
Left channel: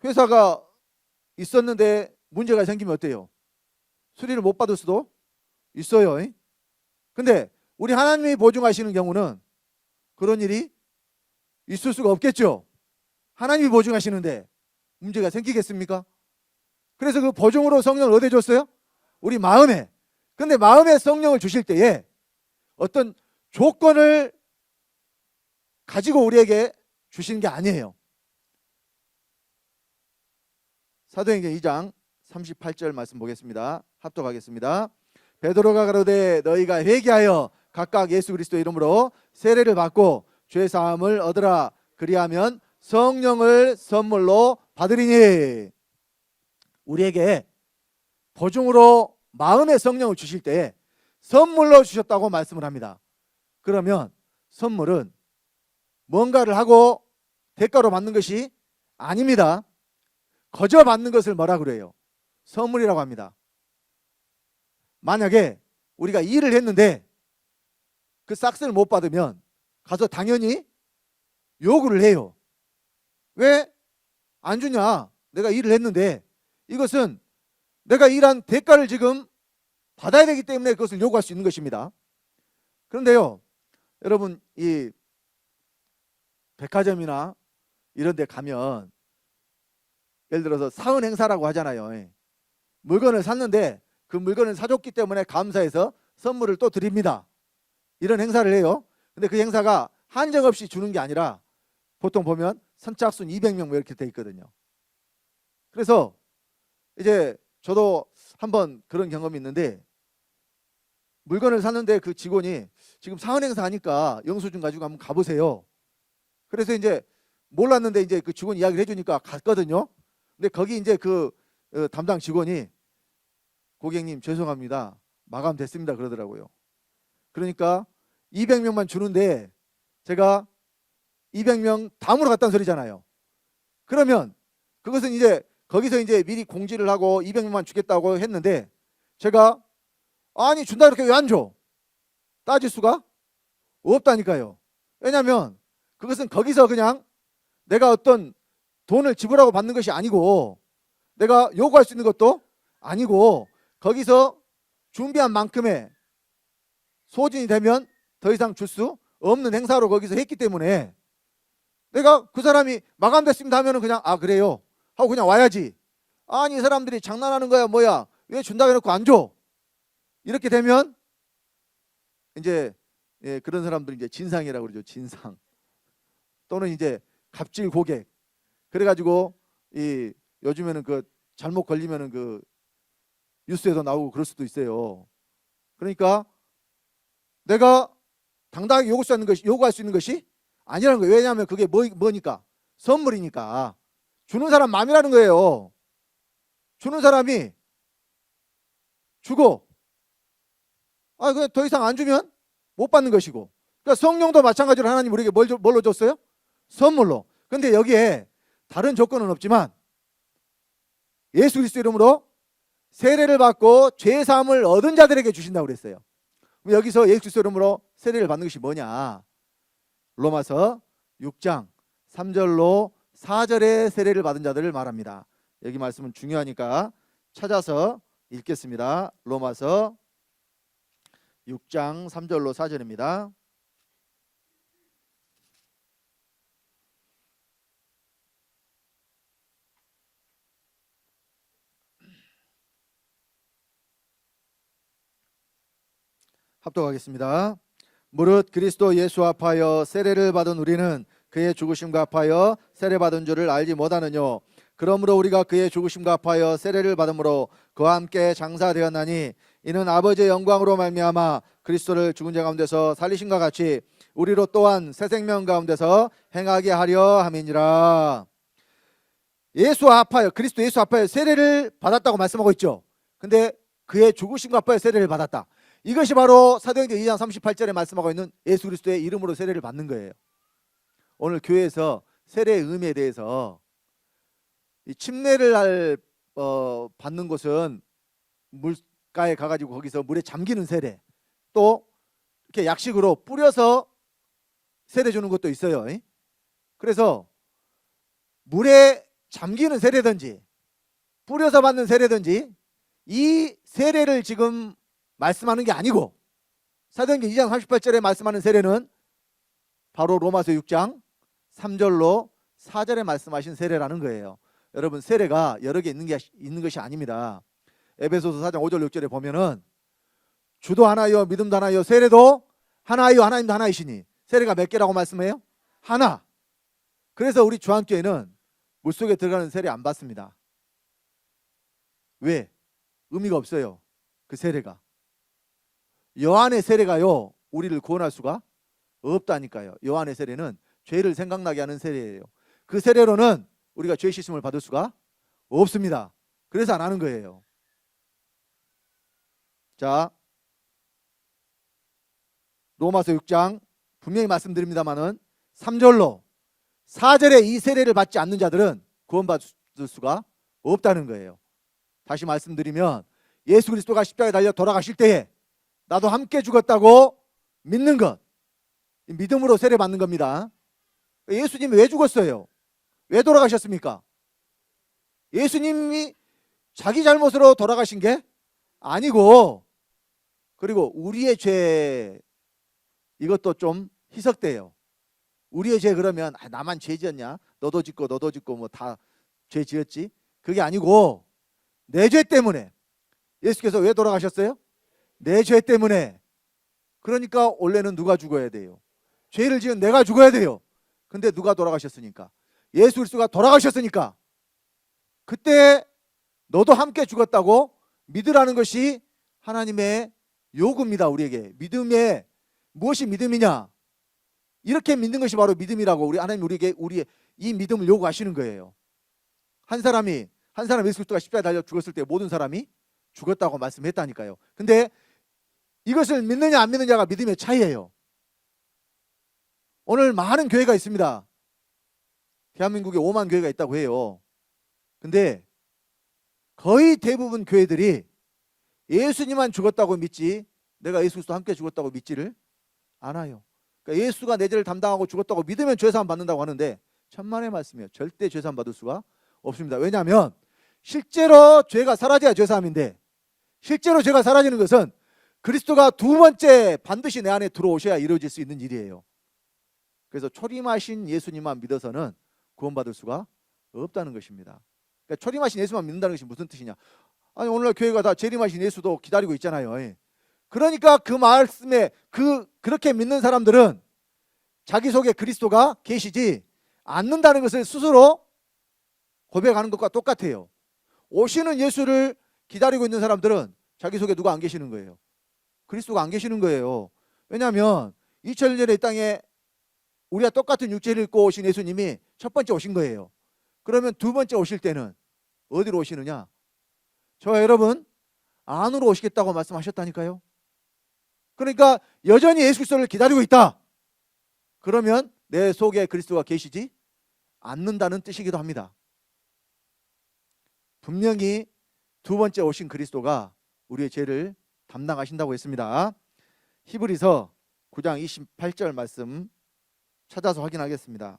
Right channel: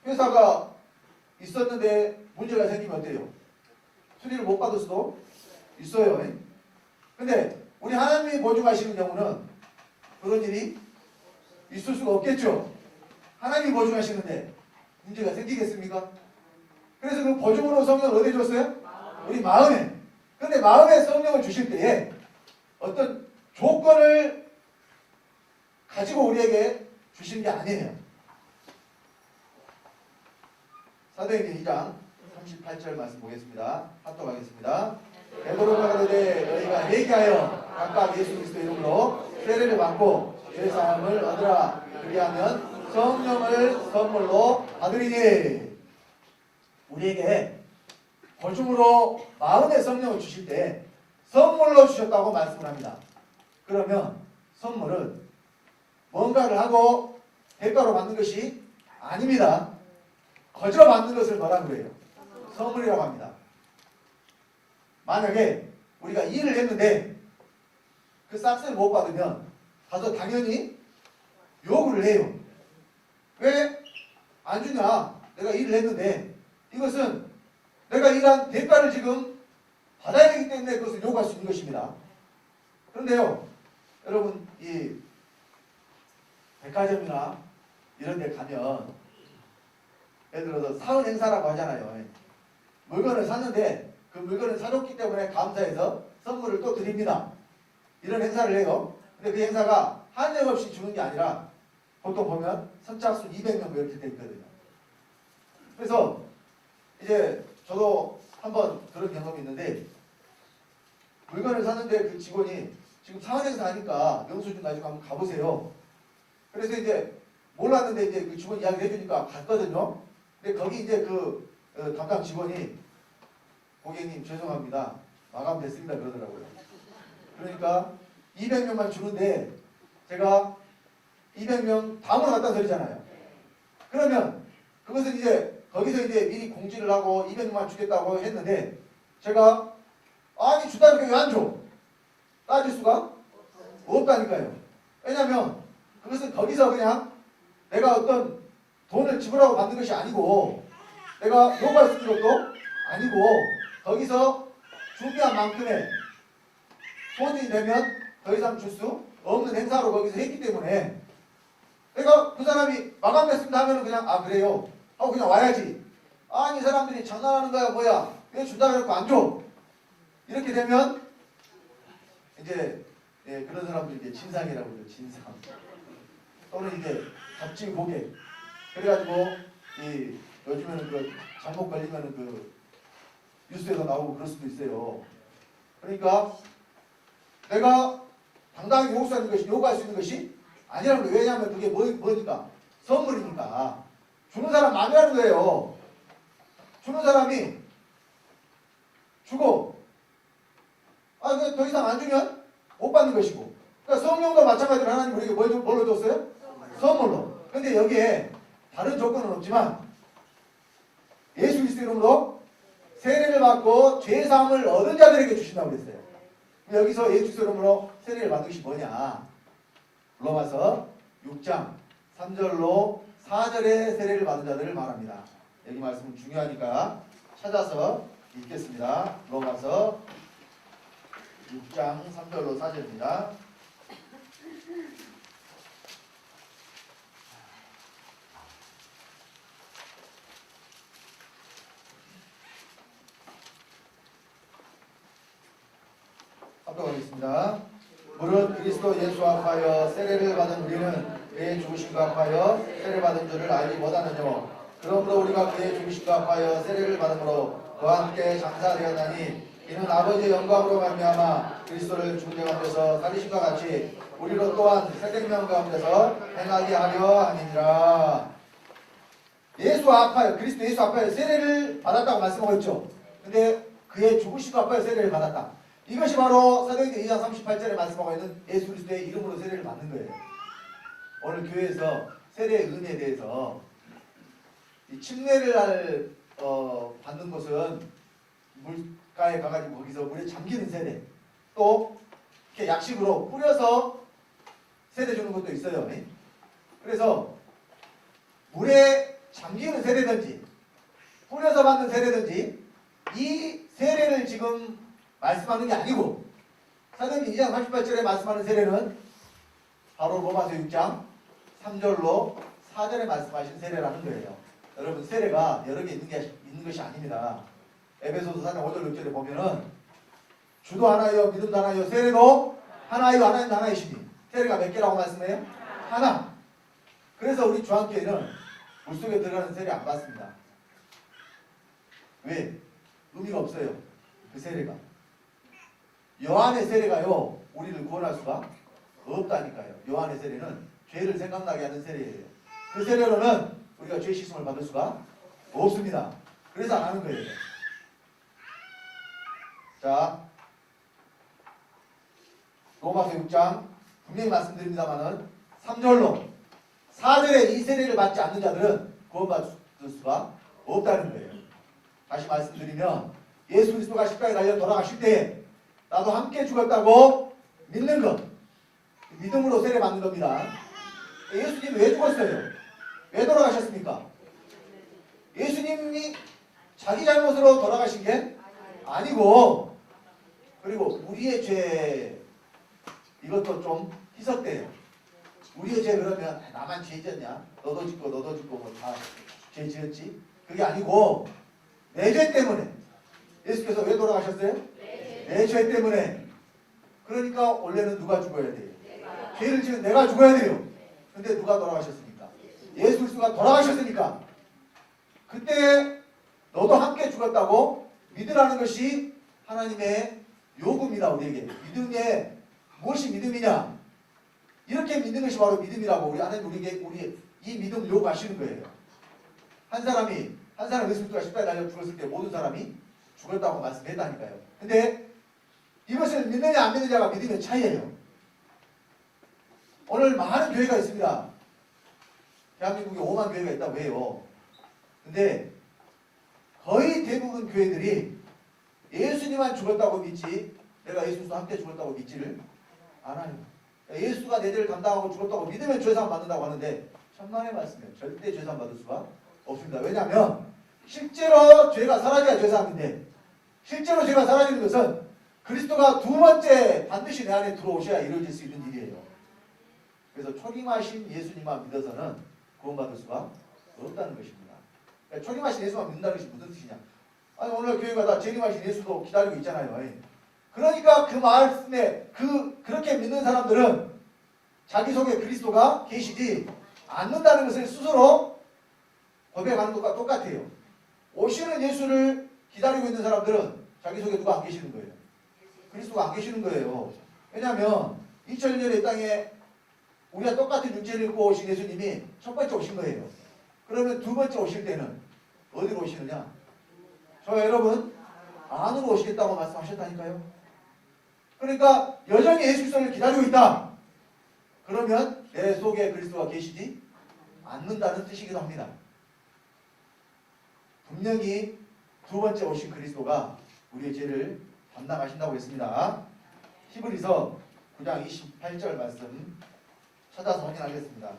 회사가 있었는데 문제가 생기면 어때요? 수리를 못 받을 수도 있어요. 근데 우리 하나님이 보증하시는 경우는 그런 일이 있을 수가 없겠죠. 하나님이 보증하시는데 문제가 생기겠습니까? 그래서 그 보증으로 성령을 어디에 줬어요? 우리 마음에. 근데 마음에 성령을 주실 때에 어떤 조건을 가지고 우리에게 주시는 게 아니에요. 사도행전 2장 38절 말씀 보겠습니다. 합독하겠습니다. 베드로가 가로되 너희가 회개하여 각각 예수 그리스도 이름으로 세례를 받고 죄 사함을 얻으라. 그리하면 성령을 선물로 받으리니. 우리에게 보증으로 마음의 성령을 주실 때 선물로 주셨다고 말씀을 합니다. 그러면 선물은 뭔가를 하고 대가로 받는 것이 아닙니다. 거저 받는 것을 뭐라 그래요? 선물이라고 합니다. 만약에 우리가 일을 했는데 그 싹스를 못 받으면 가서 당연히 요구를 해요. 왜 안 주냐? 내가 일을 했는데 이것은 내가 일한 대가를 지금 받아야 되기 때문에 그것을 요구할 수 있는 것입니다. 그런데요, 여러분, 이 백화점이나 이런 데 가면 예를 들어서 사은 행사라고 하잖아요. 물건을 샀는데 그 물건을 사줬기 때문에 감사해서 선물을 또 드립니다. 이런 행사를 해요. 근데 그 행사가 한정없이 주는 게 아니라 보통 보면 선착순 200명 뭐 이렇게 돼 있거든요. 그래서 이제 저도 한번 그런 경험이 있는데 물건을 샀는데 그 직원이 지금 사은 행사 하니까 영수증 가지고 한번 가보세요. 그래서 이제 몰랐는데 이제 그 직원 이야기를 해주니까 갔거든요. 근데 거기 이제 그 담당 직원이 고객님 죄송합니다. 마감됐습니다. 그러더라고요. 그러니까 200명만 주는데 제가 200명 다음으로 갔다는 소리잖아요. 그러면 그것은 이제 거기서 이제 미리 공지를 하고 200명만 주겠다고 했는데 제가 아니 준다 이렇게 왜 안 줘? 따질 수가 없다니까요. 왜냐하면 그것은 거기서 그냥 내가 어떤 돈을 지불하고 받는 것이 아니고 내가 요구할 수 있는 것도 아니고 거기서 준비한 만큼의 소진이 되면 더 이상 줄 수 없는 행사로 거기서 했기 때문에 내가 그 사람이 마감됐습니다 하면은 그냥 아 그래요 하고 그냥 와야지. 아니 이 사람들이 장난하는 거야 뭐야 왜 준다고 해놓고 안 줘? 이렇게 되면 이제 그런 사람들이 이제 진상이라고 그러죠. 진상 또는 이제 갑질 고객. 그래가지고 이 요즘에는 그 잘못 걸리면은 그 뉴스에서 나오고 그럴 수도 있어요. 그러니까 내가 당당하게 요구할 수 있는 것이 아니라는 거예요. 왜냐하면 그게 뭐니까? 선물이니까. 주는 사람 마음이라는 거예요. 주는 사람이 주고 그냥 더 이상 안 주면 못 받는 것이고. 그러니까 성령도 마찬가지로 하나님 우리에게 뭘로 줬어요? 선물로. 근데 여기에 다른 조건은 없지만 예수 그리스도 이름으로 세례를 받고 죄 사함을 얻은 자들에게 주신다고 그랬어요. 여기서 예수 그리스도 이름으로 세례를 받는 것이 뭐냐? 로마서 6장 3절로 4절의 세례를 받은 자들을 말합니다. 여기 말씀은 중요하니까 찾아서 읽겠습니다. 로마서 6장 3절로 4절입니다. 합독하겠습니다. 무릇 그리스도 예수 합하여 세례를 받은 우리는 그의 죽으심과 합하여 세례받은 줄을 알지 못하느뇨. 그러므로 우리가 그의 죽으심과 합하여 세례를 받음으로 그와 함께 장사되었나니 이는 아버지의 영광으로 말미암아 그리스도를 죽은 자 가운데서 살리심과 같이 우리로 또한 새 생명 가운데서 행하게 하려 함이니라. 예수 합하여 그리스도 예수 합하여 세례를 받았다고 말씀하고 있죠. 근데 그의 죽으심과 합하여 세례를 받았다. 이것이 바로 사도행전 2장 38절에 말씀하고 있는 예수 그리스도의 이름으로 세례를 받는 거예요. 오늘 교회에서 세례의 의미에 대해서 이 침례를 받는 곳은 물가에 가가지고 거기서 물에 잠기는 세례, 또 이렇게 약식으로 뿌려서 세례 주는 것도 있어요. 그래서 물에 잠기는 세례든지 뿌려서 받는 세례든지 이 세례를 지금 말씀하는 게 아니고, 사도행전 2장 38절에 말씀하는 세례는 바로 로마서 6장 3절로 4절에 말씀하신 세례라는 거예요. 여러분, 세례가 여러 개 있는 것이 아닙니다. 에베소서 4장 5절 6절에 보면은 주도 하나요, 믿음도 하나요, 세례도 하나요, 하나님도 하나이시니. 세례가 몇 개라고 말씀해요? 하나. 그래서 우리 주한교회는 물속에 들어가는 세례 안 받습니다. 왜? 의미가 없어요. 그 세례가. 요한의 세례가요, 우리를 구원할 수가 없다니까요. 요한의 세례는 죄를 생각나게 하는 세례예요. 그 세례로는 우리가 죄 씻음을 받을 수가 없습니다. 그래서 안 하는 거예요. 자, 로마서 6장 분명히 말씀드립니다만은 3절로 4절에 이 세례를 받지 않는 자들은 구원받을 수가 없다는 거예요. 다시 말씀드리면 예수 그리스도가 십자가에 달려 돌아가실 때에 나도 함께 죽었다고 믿는 것, 믿음으로 세례 받는 겁니다. 예수님이 왜 죽었어요? 왜 돌아가셨습니까? 예수님이 자기 잘못으로 돌아가신 게 아니고, 그리고 우리의 죄, 이것도 좀 희석돼요. 우리의 죄 그러면 나만 죄 지었냐? 너도 짓고 너도 짓고 뭐 다 죄 지었지? 그게 아니고 내 죄 때문에. 예수께서 왜 돌아가셨어요? 내 죄 때문에. 그러니까 원래는 누가 죽어야 돼요? 죄를 지은 내가 죽어야 돼요. 근데 누가 돌아가셨으니까? 예수 그리스도가 돌아가셨으니까 그때 너도 함께 죽었다고 믿으라는 것이 하나님의 요구입니다. 우리에게. 믿음에 무엇이 믿음이냐? 이렇게 믿는 것이 바로 믿음이라고 우리 하나님 우리에게 이 믿음을 요구하시는 거예요. 한 사람 예수 그리스도가 십자가에 달려 죽었을 때 모든 사람이 죽었다고 말씀했다니까요. 근데 이것을 믿느냐 안 믿느냐가 믿음의 차이예요. 오늘 많은 교회가 있습니다. 대한민국에 5만 교회가 있다고 해요. 근데 거의 대부분 교회들이 예수님만 죽었다고 믿지 내가 예수 그리스도 함께 죽었다고 믿지를 않아요. 그러니까 예수가 내 죄를 담당하고 죽었다고 믿으면 죄사함 받는다고 하는데 천만의 말씀이에요. 절대 죄사함 받을 수가 없습니다. 왜냐하면 실제로 죄가 사라져야 죄사함인데, 실제로 죄가 사라지는 것은 그리스도가 두 번째 반드시 내 안에 들어오셔야 이루어질 수 있는 일이에요. 그래서 초림하신 예수님만 믿어서는 구원받을 수가 없다는 것입니다. 그러니까 초림하신 예수만 믿는다는 것이 무슨 뜻이냐? 아니 오늘 교회가 다 재림하신 예수도 기다리고 있잖아요. 그러니까 그 말씀에 그렇게 믿는 사람들은 자기 속에 그리스도가 계시지 않는다는 것을 스스로 고백하는 것과 똑같아요. 오시는 예수를 기다리고 있는 사람들은 자기 속에 누가 안 계시는 거예요? 그리스도가 안 계시는 거예요. 왜냐하면 2000년 전에 이 땅에 우리가 똑같은 육체를 입고 오신 예수님이 첫 번째 오신 거예요. 그러면 두 번째 오실 때는 어디로 오시느냐? 저와 여러분 안으로 오시겠다고 말씀하셨다니까요. 그러니까 여전히 예수 그리스도를 기다리고 있다. 그러면 내 속에 그리스도가 계시지 않는다는 뜻이기도 합니다. 분명히 두 번째 오신 그리스도가 우리의 죄를 담당하신다고 했습니다. 히브리서 9장 28절 말씀 찾아서 확인하겠습니다.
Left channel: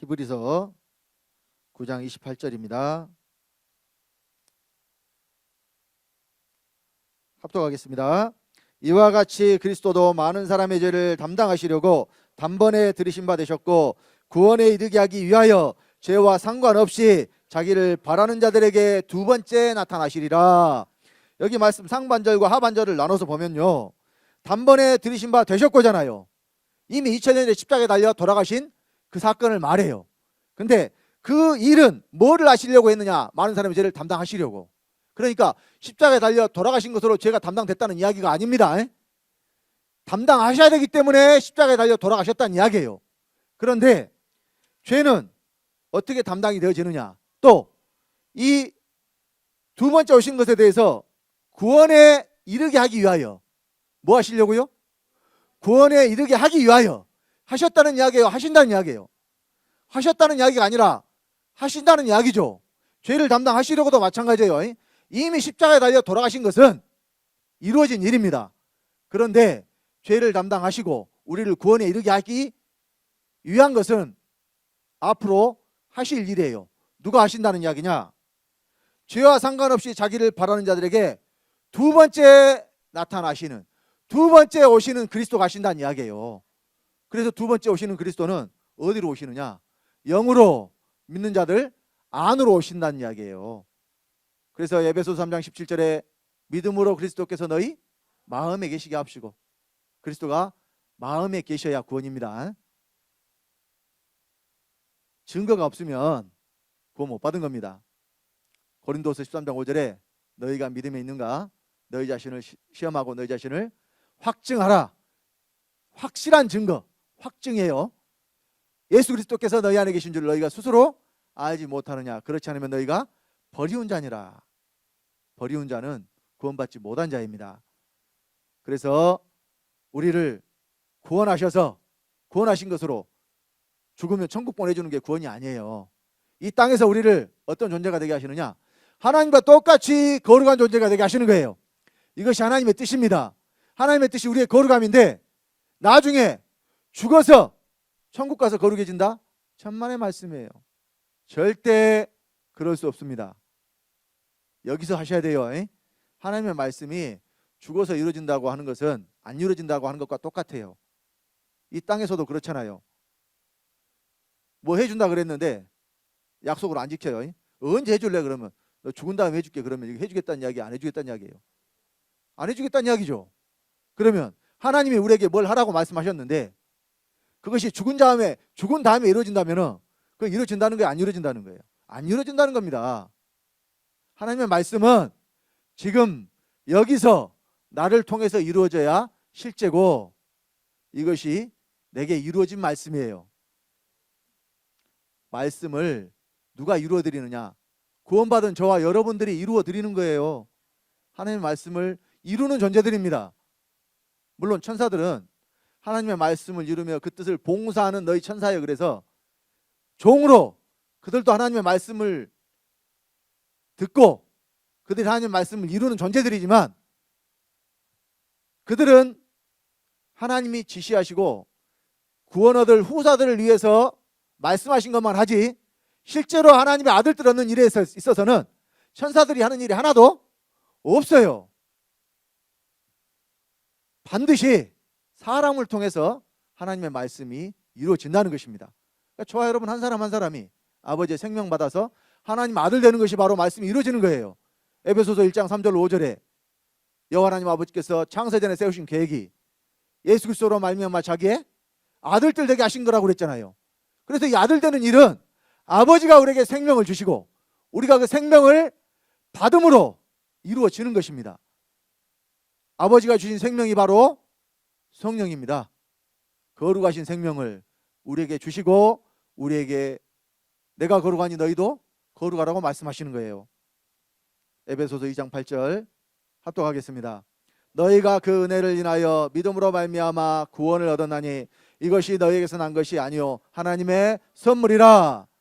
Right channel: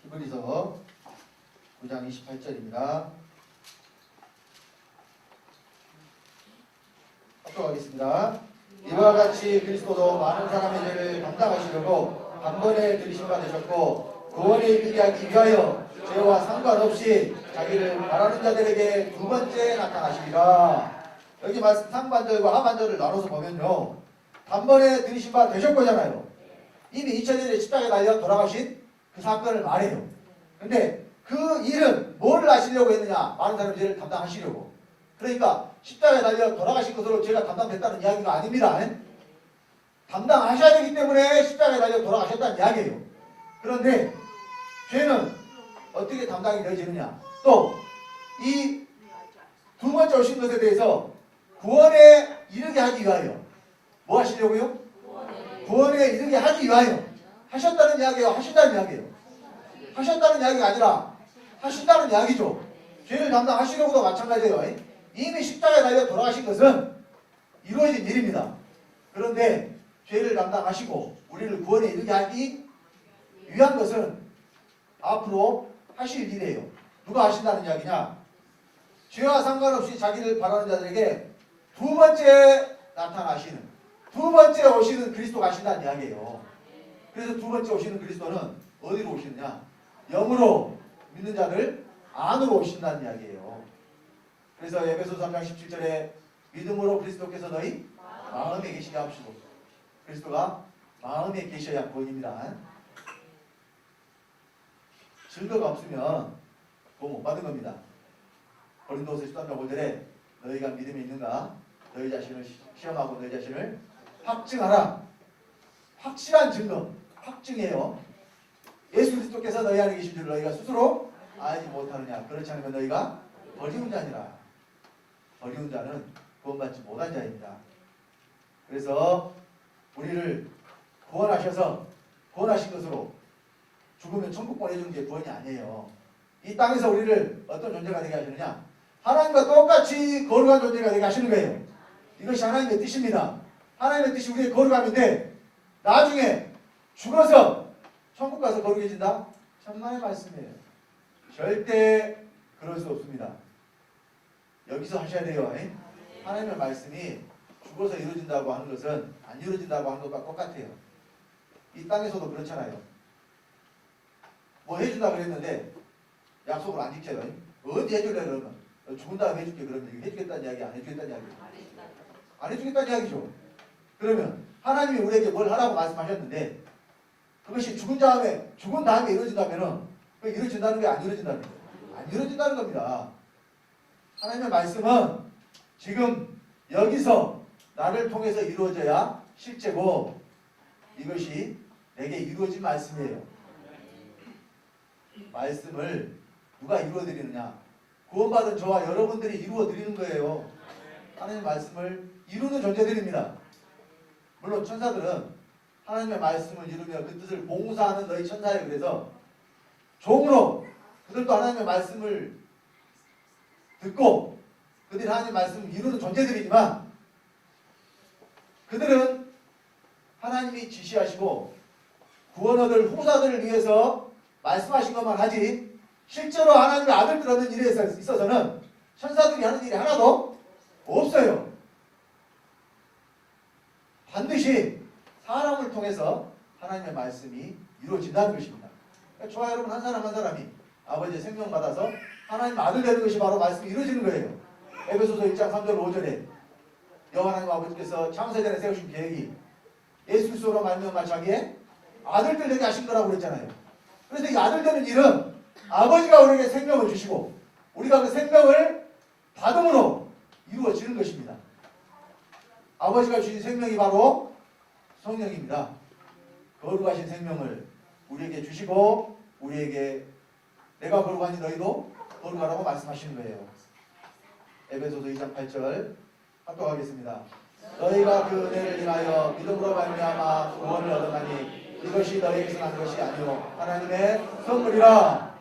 히브리서 9장 28절입니다. 합독하겠습니다. 이와 같이 그리스도도 많은 사람의 죄를 담당하시려고 단번에 들이신 바 되셨고 구원에 이르게 하기 위하여 죄와 상관없이 자기를 바라는 자들에게 두 번째 나타나시리라. 여기 말씀 상반절과 하반절을 나눠서 보면요, 단번에 들이신 바 되셨고잖아요. 이미 2000년에 십자가에 달려 돌아가신 그 사건을 말해요. 근데 그 일은 뭐를 하시려고 했느냐? 많은 사람의 죄를 담당하시려고. 그러니까 십자가에 달려 돌아가신 것으로 죄가 담당됐다는 이야기가 아닙니다. 담당하셔야 되기 때문에 십자가에 달려 돌아가셨다는 이야기예요. 그런데 죄는 어떻게 담당이 되어지느냐? 또 이 두 번째 오신 것에 대해서 구원에 이르게 하기 위하여 뭐 하시려고요? 구원에 이르게 하기 위하여 하셨다는 이야기예요? 하신다는 이야기예요? 하셨다는 이야기가 아니라 하신다는 이야기죠. 죄를 담당하시려고도 마찬가지예요. 이미 십자가에 달려 돌아가신 것은 이루어진 일입니다. 그런데 죄를 담당하시고 우리를 구원에 이르게 하기 위한 것은 앞으로 하실 일이에요. 누가 하신다는 이야기냐? 죄와 상관없이 자기를 바라는 자들에게 두 번째 나타나시는, 두 번째 오시는 그리스도가 하신다는 이야기예요. 그래서 두 번째 오시는 그리스도는 어디로 오시느냐? 영으로 믿는 자들 안으로 오신다는 이야기예요. 그래서 에베소서 3장 17절에 믿음으로 그리스도께서 너희 마음에 계시게 하시고, 그리스도가 마음에 계셔야 구원입니다. 증거가 없으면 구원 못 받은 겁니다. 고린도서 13장 5절에 너희가 믿음에 있는가? 너희 자신을 시험하고 너희 자신을 확증하라. 확실한 증거, 확증이에요. 예수 그리스도께서 너희 안에 계신 줄 너희가 스스로 알지 못하느냐? 그렇지 않으면 너희가 버리운 자니라. 버리운 자는 구원받지 못한 자입니다. 그래서 우리를 구원하셔서 구원하신 것으로 죽으면 천국 보내주는 게 구원이 아니에요. 이 땅에서 우리를 어떤 존재가 되게 하시느냐? 하나님과 똑같이 거룩한 존재가 되게 하시는 거예요. 이것이 하나님의 뜻입니다. 하나님의 뜻이 우리의 거룩함인데 나중에 죽어서 천국 가서 거룩해진다? 천만의 말씀이에요. 절대 그럴 수 없습니다. 여기서 하셔야 돼요. 하나님의 말씀이 죽어서 이루어진다고 하는 것은 안 이루어진다고 하는 것과 똑같아요. 이 땅에서도 그렇잖아요. 뭐 해준다 그랬는데 약속을 안 지켜요. 언제 해줄래 그러면? 너 죽은 다음에 해줄게 그러면 이거 해주겠다는 이야기, 안 해주겠다는 이야기? 안 해주겠다는 이야기죠. 그러면 하나님이 우리에게 뭘 하라고 말씀하셨는데 그것이 죽은 다음에 이루어진다면은 그건 이루어진다는 거예요? 안 이루어진다는 거예요? 안 이루어진다는 겁니다. 하나님의 말씀은 지금 여기서 나를 통해서 이루어져야 실제고 이것이 내게 이루어진 말씀이에요. 말씀을 누가 이루어드리느냐? 구원받은 저와 여러분들이 이루어드리는 거예요. 하나님의 말씀을 이루는 존재들입니다. 물론 천사들은 하나님의 말씀을 이루며 그 뜻을 봉사하는 너희 천사예요. 그래서 종으로 그들도 하나님의 말씀을 듣고 그들이 하나님의 말씀을 이루는 존재들이지만 그들은 하나님이 지시하시고 구원 얻을 후사들을 위해서 말씀하신 것만 하지 실제로 하나님의 아들들 얻는 일에 있어서는 천사들이 하는 일이 하나도 없어요. 반드시 사람을 통해서 하나님의 말씀이 이루어진다는 것입니다. 그러니까 저와 여러분 한 사람 한 사람이 아버지의 생명 받아서 하나님 아들 되는 것이 바로 말씀이 이루어지는 거예요. 에베소서 1장 3절 5절에 여호와 하나님 아버지께서 창세전에 세우신 계획이 예수 그리스도로 말미암아 자기의 아들들 되게 하신 거라고 그랬잖아요. 그래서 이 아들 되는 일은 아버지가 우리에게 생명을 주시고 우리가 그 생명을 받음으로 이루어지는 것입니다. 아버지가 주신 생명이 바로 성령입니다. 거룩하신 생명을 우리에게 주시고 우리에게 내가 거룩하니 너희도 거룩하라고 말씀하시는 거예요. 에베소서 2장 8절 합독하겠습니다. 너희가 그 은혜를 인하여 믿음으로 말미암아 구원을 얻었나니 이것이 너희에게서 난 것이 아니요 하나님의 선물이라.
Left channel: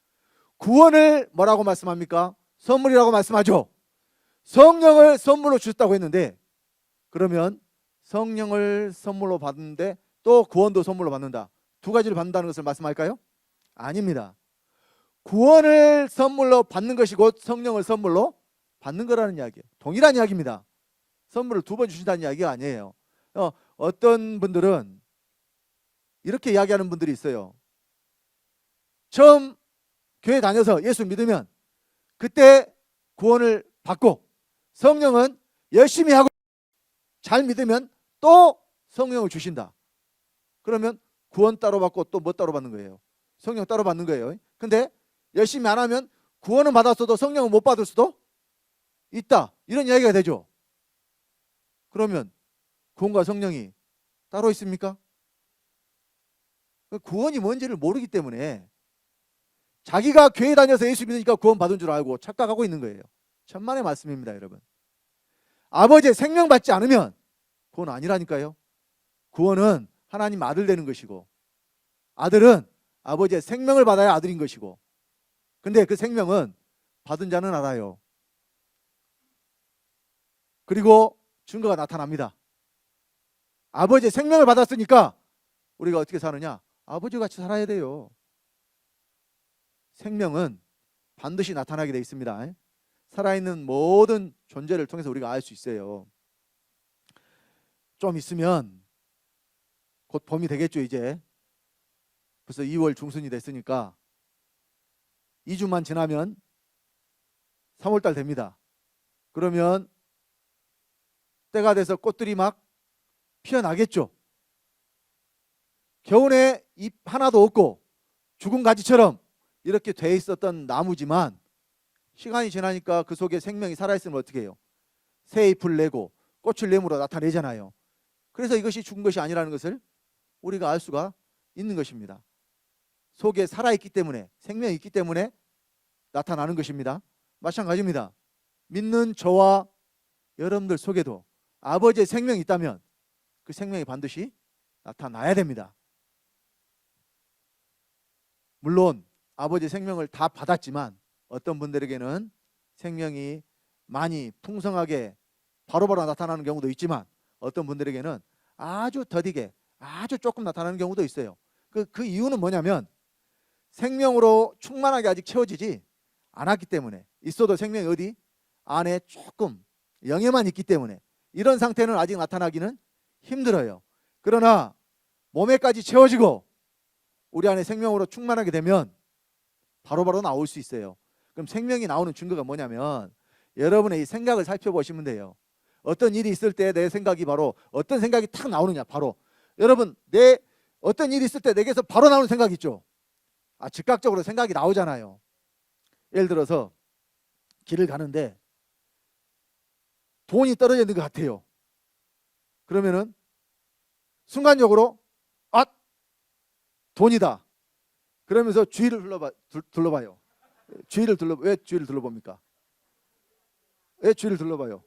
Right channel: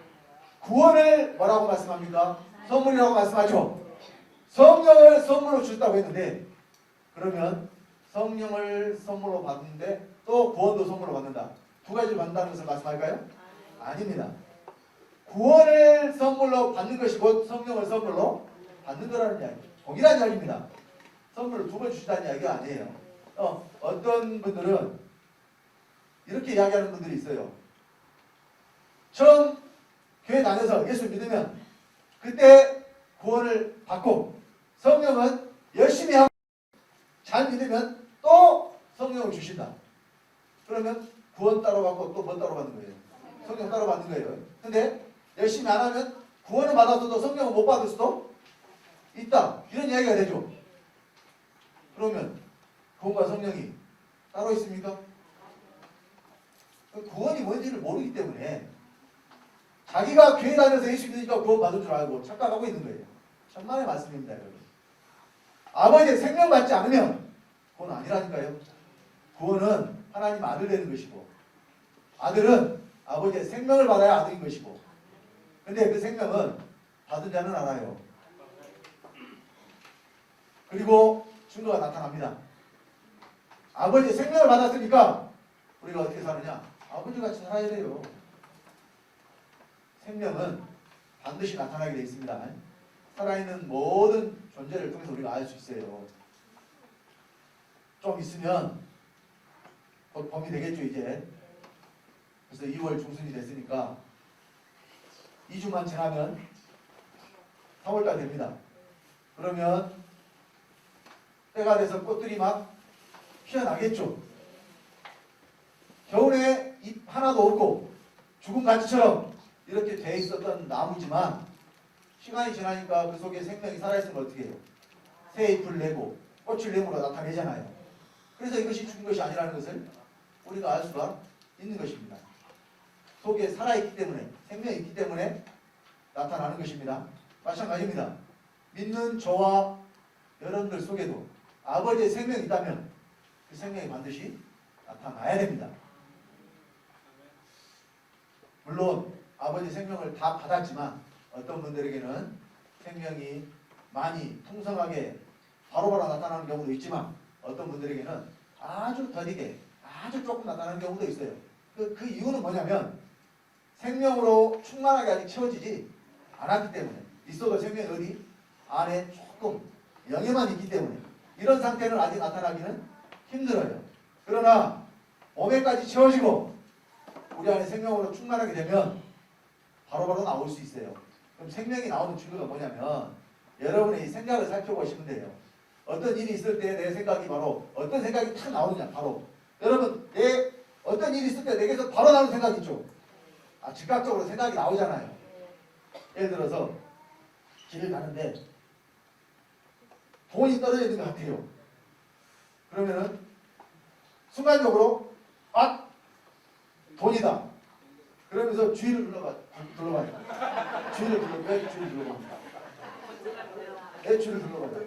구원을 뭐라고 말씀합니까? 선물이라고 말씀하죠. 성령을 선물로 주셨다고 했는데 그러면 성령을 선물로 받는데 또 구원도 선물로 받는다. 두 가지를 받는다는 것을 말씀할까요? 아닙니다. 구원을 선물로 받는 것이 곧 성령을 선물로 받는 거라는 이야기예요. 동일한 이야기입니다. 선물을 두 번 주신다는 이야기가 아니에요. 어떤 분들은 이렇게 이야기하는 분들이 있어요. 처음 교회 다녀서 예수 믿으면 그때 구원을 받고 성령은 열심히 하고 잘 믿으면 또 성령을 주신다. 그러면 구원 따로 받고 또 뭐 따로 받는 거예요? 성령 따로 받는 거예요. 근데 열심히 안 하면 구원은 받았어도 성령은 못 받을 수도 있다. 이런 이야기가 되죠. 그러면 구원과 성령이 따로 있습니까? 구원이 뭔지를 모르기 때문에 자기가 교회 다녀서 예수 믿으니까 구원 받은 줄 알고 착각하고 있는 거예요. 천만의 말씀입니다, 여러분. 아버지의 생명 받지 않으면 그건 아니라니까요. 구원은 하나님 아들 되는 것이고, 아들은 아버지의 생명을 받아야 아들인 것이고, 근데 그 생명은 받은 자는 알아요. 그리고 증거가 나타납니다. 아버지의 생명을 받았으니까 우리가 어떻게 사느냐? 아버지 같이 살아야 돼요. 생명은 반드시 나타나게 되어 있습니다. 살아있는 모든 존재를 통해서 우리가 알 수 있어요. 좀 있으면 곧 봄이 되겠죠. 이제 벌써 2월 중순이 됐으니까 2주만 지나면 3월달 됩니다. 그러면 때가 돼서 꽃들이 막 피어나겠죠. 겨울에 잎 하나도 없고 죽은 가지처럼 이렇게 돼 있었던 나무지만 시간이 지나니까 그 속에 생명이 살아있으면 어떻게 해요? 새 잎을 내고 꽃을 내므로 나타내잖아요. 그래서 이것이 죽은 것이 아니라는 것을 우리가 알 수가 있는 것입니다. 속에 살아있기 때문에, 생명이 있기 때문에 나타나는 것입니다. 마찬가지입니다. 믿는 저와 여러분들 속에도 아버지의 생명이 있다면 그 생명이 반드시 나타나야 됩니다. 물론 아버지의 생명을 다 받았지만 어떤 분들에게는 생명이 많이 풍성하게 바로바로 나타나는 경우도 있지만 어떤 분들에게는 아주 더디게 아주 조금 나타나는 경우도 있어요. 그 이유는 뭐냐면 생명으로 충만하게 아직 채워지지 않았기 때문에, 있어도 생명이 어디 안에 조금 영에만 있기 때문에 이런 상태는 아직 나타나기는 힘들어요. 그러나 몸에까지 채워지고 우리 안에 생명으로 충만하게 되면 바로바로 나올 수 있어요. 그럼 생명이 나오는 증거가 뭐냐면 여러분의 이 생각을 살펴보시면 돼요. 어떤 일이 있을 때 내 생각이 바로 어떤 생각이 탁 나오느냐. 바로 여러분 어떤 일이 있을 때 내게서 바로 나오는 생각 있죠. 즉각적으로 생각이 나오잖아요. 예를 들어서 길을 가는데 돈이 떨어져 있는 것 같아요. 그러면은 순간적으로 돈이다. 그러면서 주위를 둘러봐요. 왜 주위를 둘러봅니까? 왜 주위를 둘러봐요?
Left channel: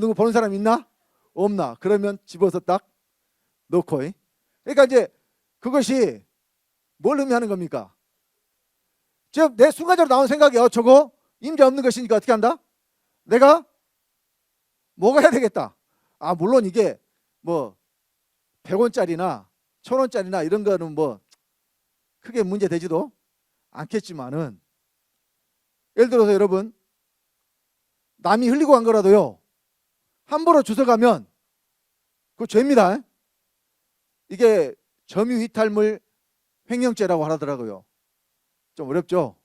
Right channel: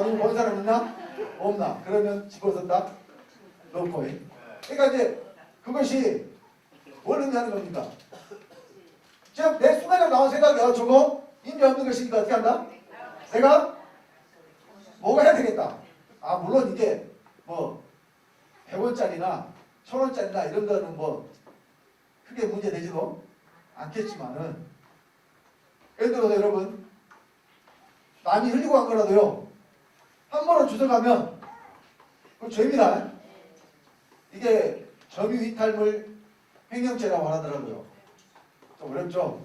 누구 보는 사람 있나? 없나? 그러면 집어서 딱 놓고. 그러니까 이제 그것이 뭘 의미하는 겁니까? 즉 내 순간적으로 나온 생각이 저거 임자 없는 것이니까 어떻게 한다? 내가 먹어야 되겠다. 물론 이게 뭐 100원짜리나 1000원짜리나 이런 거는 뭐 크게 문제 되지도 않겠지만은, 예를 들어서 여러분 남이 흘리고 간 거라도요 함부로 주워가면 그거 죄입니다. 이게 점유이탈물 횡령죄라고 하더라고요. 좀 어렵죠?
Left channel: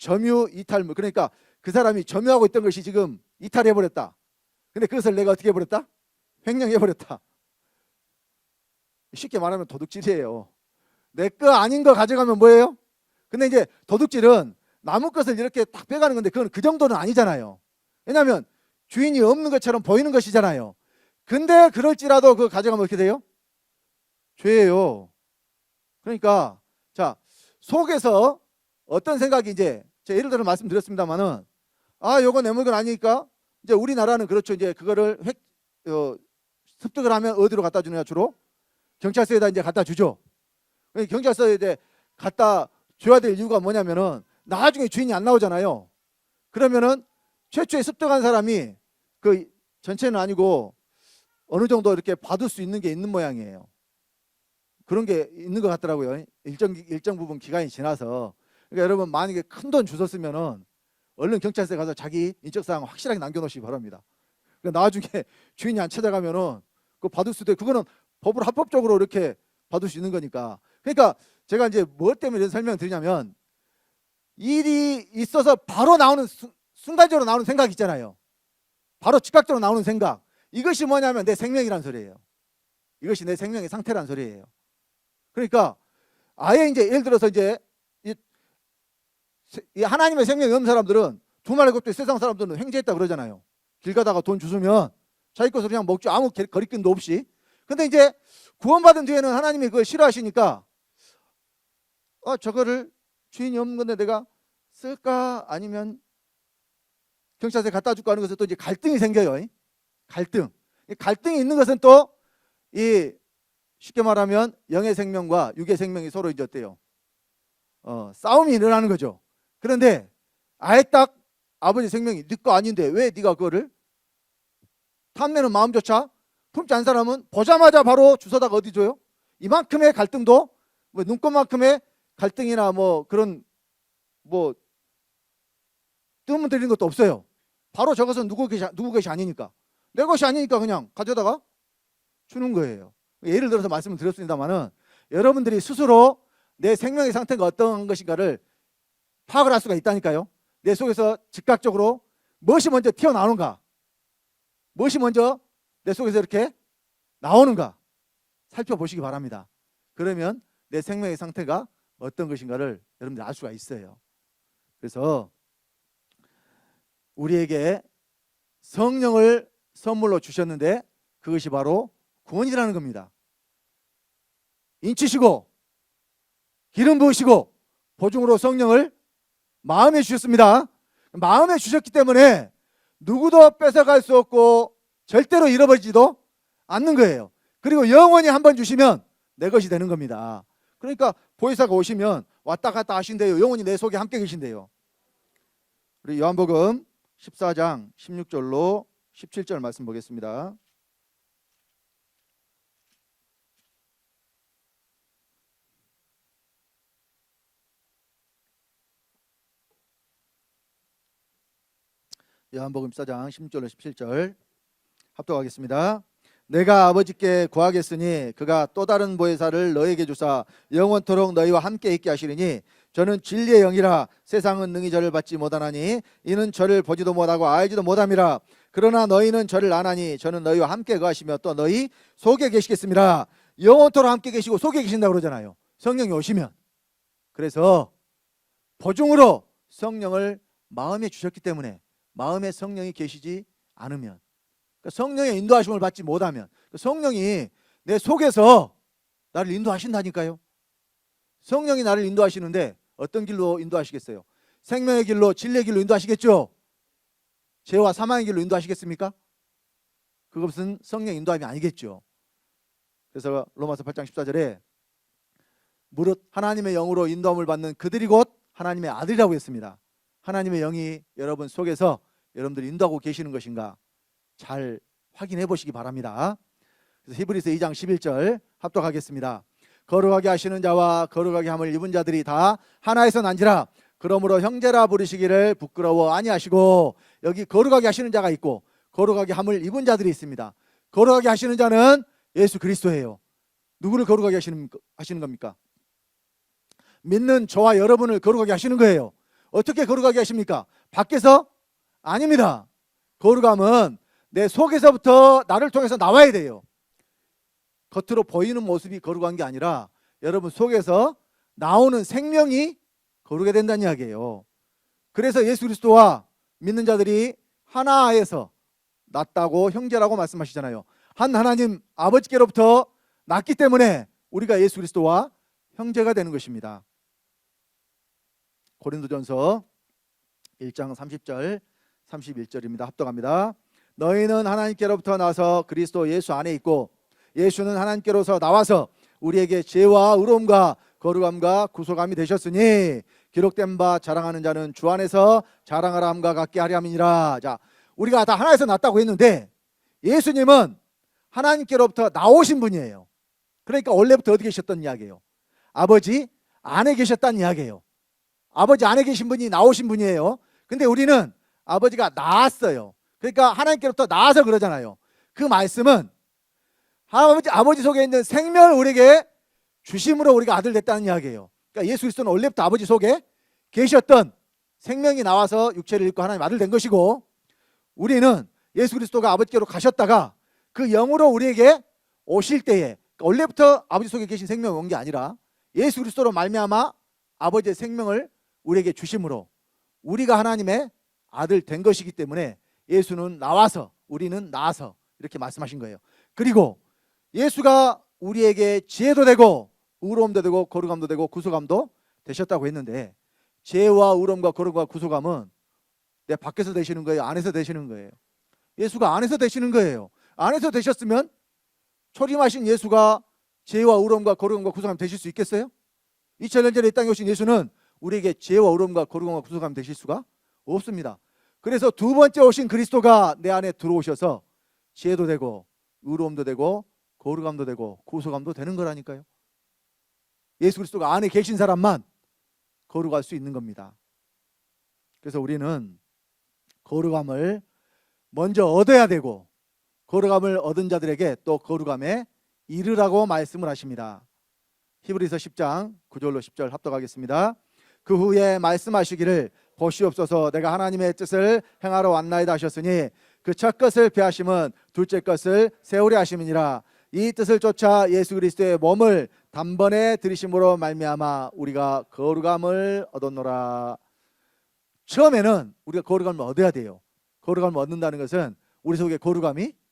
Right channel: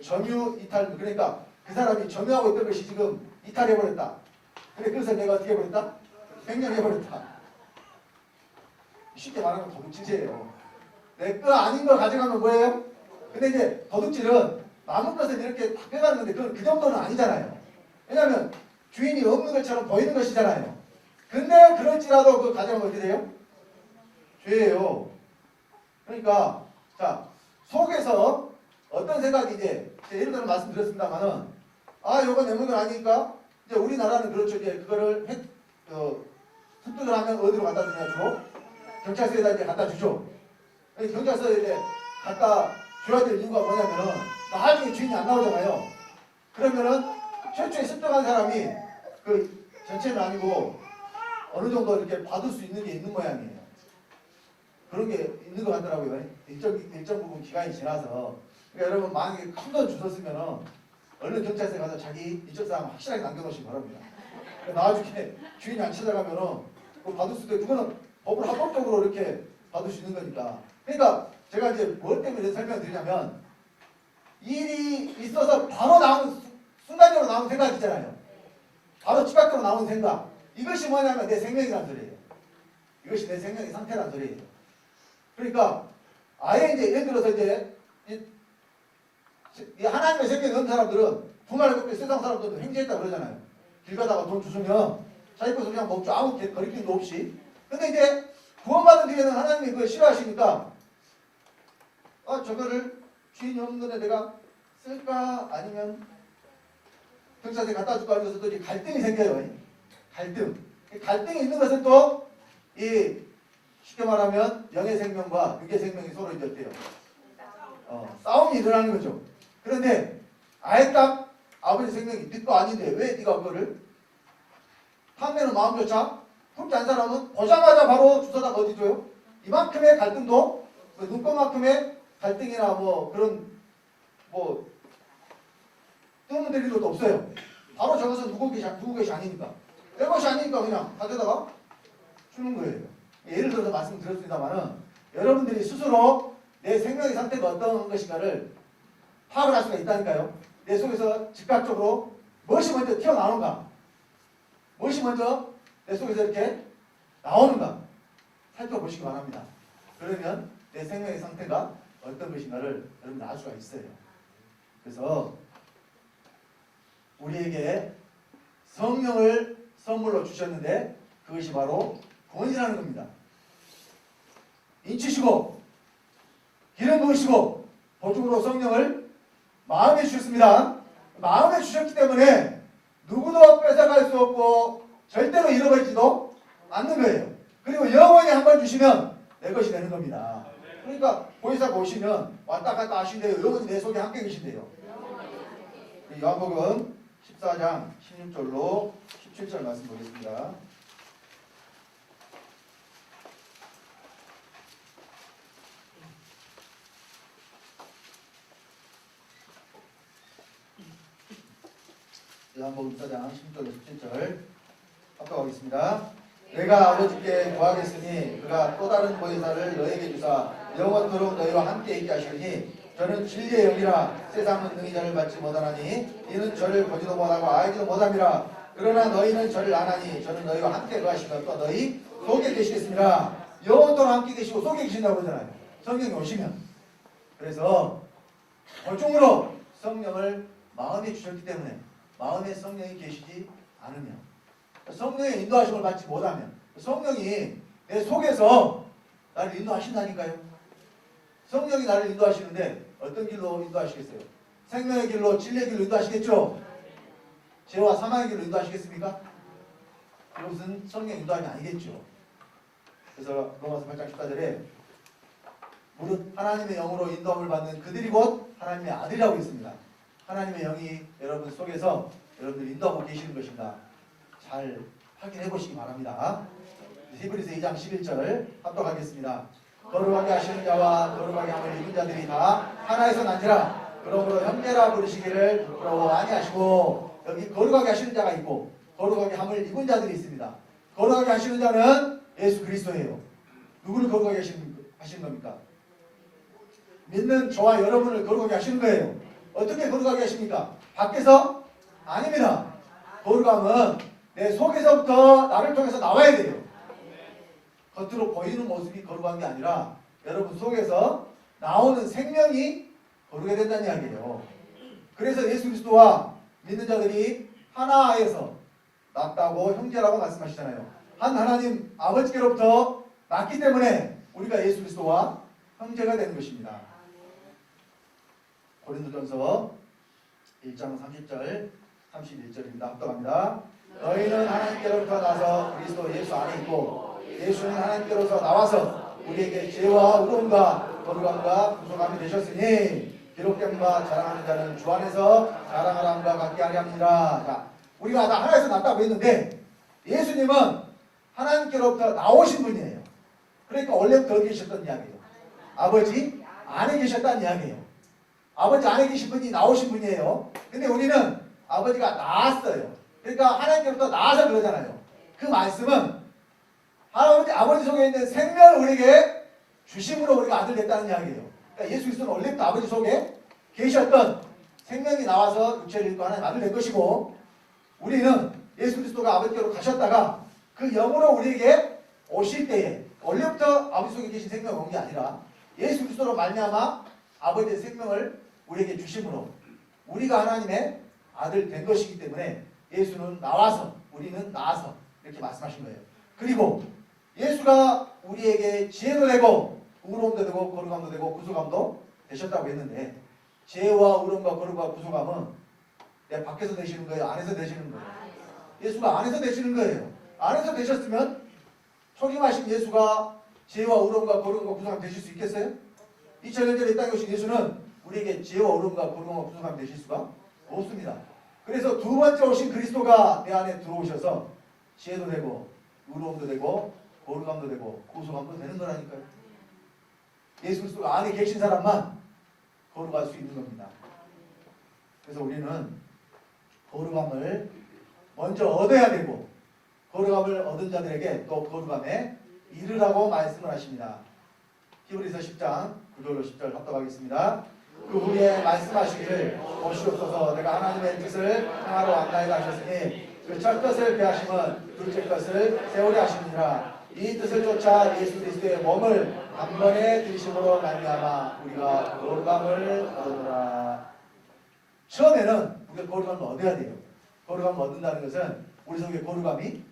점유이탈물, 그러니까 그 사람이 점유하고 있던 것이 지금 이탈해버렸다. 근데 그것을 내가 어떻게 해버렸다? 횡령해버렸다. 쉽게 말하면 도둑질이에요. 내 거 아닌 거 가져가면 뭐예요? 근데 이제 도둑질은 남의 것을 이렇게 딱 빼가는 건데 그건 그 정도는 아니잖아요. 왜냐하면 주인이 없는 것처럼 보이는 것이잖아요. 근데 그럴지라도 그거 가져가면 어떻게 돼요? 죄예요. 그러니까 자, 속에서 어떤 생각이 이제 제가 예를 들어 말씀드렸습니다만은 요거 내 물건 아니니까 이제 우리나라는 그렇죠. 이제 그거를 습득을 하면 어디로 갖다 주냐? 주로 경찰서에다 이제 갖다 주죠. 경찰서에 이제 갖다 줘야 될 이유가 뭐냐면은 나중에 주인이 안 나오잖아요. 그러면은 최초에 습득한 사람이 그 전체는 아니고 어느 정도 이렇게 받을 수 있는 게 있는 모양이에요. 그런 게 있는 것 같더라고요. 일정 부분 기간이 지나서. 그러니까 여러분 만약에 큰 돈 주셨으면은 얼른 경찰서에 가서 자기 인적사항 확실하게 남겨놓으시기 바랍니다. 그러니까 나중에 주인이 안 찾아가면은 그거 받을 수도 있고, 그거는 법으로 합법적으로 이렇게 받을 수 있는 거니까. 그러니까 제가 이제 뭐 때문에 이런 설명을 드리냐면 일이 있어서 바로 나오는 순간적으로 나오는 생각 있잖아요. 바로 즉각적으로 나오는 생각. 이것이 뭐냐면 내 생명이란 소리예요. 이것이 내 생명의 상태란 소리예요. 그러니까 아예 이제 예를 들어서 이제 이 하나님의 생명이 없는 사람들은 두말 그때 세상 사람들은 횡재했다 그러잖아요. 길 가다가 돈 주시면 자기 것을 그냥 먹죠. 아무 거리낌도 없이. 근데 이제 구원받은 뒤에는 하나님이 그걸 싫어하시니까 저거를 주인이 없는 건데 내가 쓸까? 아니면 경찰서에 갖다 줄까 하는 것은 또 이제 갈등이 생겨요. 갈등이 있는 것은 또 이 쉽게 말하면 영의 생명과 육의 생명이 서로 이제 어때요? 싸움이 일어나는 거죠. 그런데 아예 딱 아버지 생명이 네 거 아닌데 왜 네가 그거를 탐내는 마음조차 품지 않은 사람은 보자마자 바로 주워다가 어디 줘요? 이만큼의 갈등도 뭐 눈꽃만큼의 갈등이나 뭐 그런 뭐 뜸을 들이는 것도 없어요. 바로 저것은 누구 것이 아니니까 내 것이 아니니까 그냥 가져다가 주는 거예요. 예를 들어서 말씀을 드렸습니다만은 여러분들이 스스로 내 생명의 상태가 어떤 것인가를 파악을 할 수가 있다니까요. 내 속에서 즉각적으로 무엇이 먼저 튀어나오는가, 무엇이 먼저 내 속에서 이렇게 나오는가 살펴보시기 바랍니다. 그러면 내 생명의 상태가 어떤 것인가를 여러분들 알 수가 있어요. 그래서 우리에게 성령을 선물로 주셨는데 그것이 바로 구원이라는 겁니다. 인치시고 기름 부으시고 보증으로 성령을 마음에 주셨습니다. 마음에 주셨기 때문에 누구도 뺏어갈 수 없고 절대로 잃어버리지도 않는 거예요. 그리고 영원히 한번 주시면 내 것이 되는 겁니다. 그러니까 보혜사가 오시면 왔다 갔다 하신대요. 영원히 내 속에 함께 계신대요. 우리 요한복음 14장 16절로 17절 말씀 보겠습니다. 요한복음 14장 16절로 17절 합독하겠습니다. 내가 아버지께 구하겠으니 그가 또 다른 보혜사를 너에게 주사 영원토록 너희와 함께 있게 하시리니 저는 진리의 영이라 세상은 능히 저를 받지 못하나니 이는 저를 보지도 못하고 알지도 못함이라. 그러나 너희는 저를 아나니 저는 너희와 함께 거하시며 또 너희 속에 계시겠습니다. 영원토록 함께 계시고 속에 계신다고 그러잖아요. 성령이 오시면. 그래서 보증으로 성령을 마음에 주셨기 때문에 마음에 성령이 계시지 않으면, 성령의 인도하심을 받지 못하면, 성령이 내 속에서 나를 인도하신다니까요. 성령이 나를 인도하시는데 어떤 길로 인도하시겠어요? 생명의 길로, 진리의 길로 인도하시겠죠? 죄와 사망의 길로 인도하시겠습니까? 그것은 성령 인도함이 아니겠죠. 그래서 로마서 8장 14절에 무릇 하나님의 영으로 인도함을 받는 그들이 곧 하나님의 아들이라고 했습니다. 하나님의 영이 여러분 속에서 여러분들이 인도하고 계시는 것인가 잘 확인해 보시기 바랍니다. 히브리서 2장 11절 합독하겠습니다. 거룩하게 하시는 자와 거룩하게 함을 입은 자들이 다 하나에서 난지라. 그러므로 형제라 부르시기를 부끄러워 아니하시고, 여기 거룩하게 하시는 자가 있고 거룩하게 함을 입은 자들이 있습니다. 거룩하게 하시는 자는 예수 그리스도예요. 누구를 거룩하게 하시는 겁니까? 믿는 저와 여러분을 거룩하게 하시는 거예요. 어떻게 거룩하게 하십니까? 밖에서? 아닙니다. 거룩함은 내 속에서부터 나를 통해서 나와야 돼요. 겉으로 보이는 모습이 거룩한 게 아니라 여러분 속에서 나오는 생명이 거룩해 된다는 이야기예요. 그래서 예수 그리스도와 믿는 자들이 하나에서 났다고 형제라고 말씀하시잖아요. 한 하나님 아버지께로부터 났기 때문에 우리가 예수 그리스도와 형제가 되는 것입니다. 고린도전서 1장 30절 31절입니다. 합독합니다. 너희는 하나님께로부터 나서 그리스도 예수 안에 있고 예수는 하나님께로서 나와서 우리에게 죄와 의로움과 거룩함과 구속함이 되셨으니 기록된 바 자랑하는 자는 주 안에서 자랑하라 함과 같게 하려 함이니라. 자, 우리가 다 하나에서 났다고 했는데 예수님은 하나님께로부터 나오신 분이에요. 그러니까 원래부터 어디 계셨던 이야기예요? 아버지 안에 계셨다는 이야기예요. 아버지 안에 계신 분이 나오신 분이에요. 근데 우리는 아버지가 나왔어요. 그러니까 하나님께로부터 나와서 그러잖아요. 그 말씀은 아버지 속에 있는 생명을 우리에게 주심으로 우리가 아들 됐다는 이야기예요. 그러니까 예수 그리스도는 원래부터 아버지 속에 계셨던 생명이 나와서 육체를 입고 하나님 아들 된 것이고, 우리는 예수 그리스도가 아버지께로 가셨다가 그 영으로 우리에게 오실 때에, 원래부터 아버지 속에 계신 생명이 온 게 아니라 예수 그리스도로 말미암아 아버지의 생명을 우리에게 주심으로 우리가 하나님의 아들 된 것이기 때문에 예수는 나와서 우리는 나와서 이렇게 말씀하신 거예요. 그리고 예수가 우리에게 지혜도 되고 의로움도 되고 거룩함도 되고 구속함도 되셨다고 했는데, 지혜와 의로움과 거룩함과 구속함은 내가 밖에서 되시는 거예요? 안에서 되시는 거예요? 예수가 안에서 되시는 거예요. 안에서 되셨으면 초림하신 예수가 죄와 의로움과 거룩함과 구속함 되실 수 있겠어요? 2000년 전에 이 땅에 오신 예수는 우리에게 죄와 의로움과 거룩함과 구속함 되실 수가 없습니다. 그래서 두 번째 오신 그리스도가 내 안에 들어오셔서 지혜도 되고 의로움도 되고 거룩함도 되고 구속함도 되는 거라니까요. 예수 그리스도가 안에 계신 사람만 거룩할 수 있는 겁니다. 그래서 우리는 거룩함을 먼저 얻어야 되고 거룩함을 얻은 자들에게 또 거룩함에 이르라고 말씀을 하십니다. 히브리서 10장 9절로 10절 합독하겠습니다. 그 후에 말씀하시기를 보시옵소서 내가 하나님의 뜻을 행하러 왔나이다 하셨으니 그 첫 것을 폐하심은 둘째 것을 세우려 하심이니라. 이 뜻을 쫓아 예수 그리스도의 몸을 단번에 들이심으로 말미암아 우리가 거룩함을 얻었노라. 처음에는 우리가 거룩함을 얻어야 돼요. 거룩함을 얻는다는 것은 우리 속에 거룩함이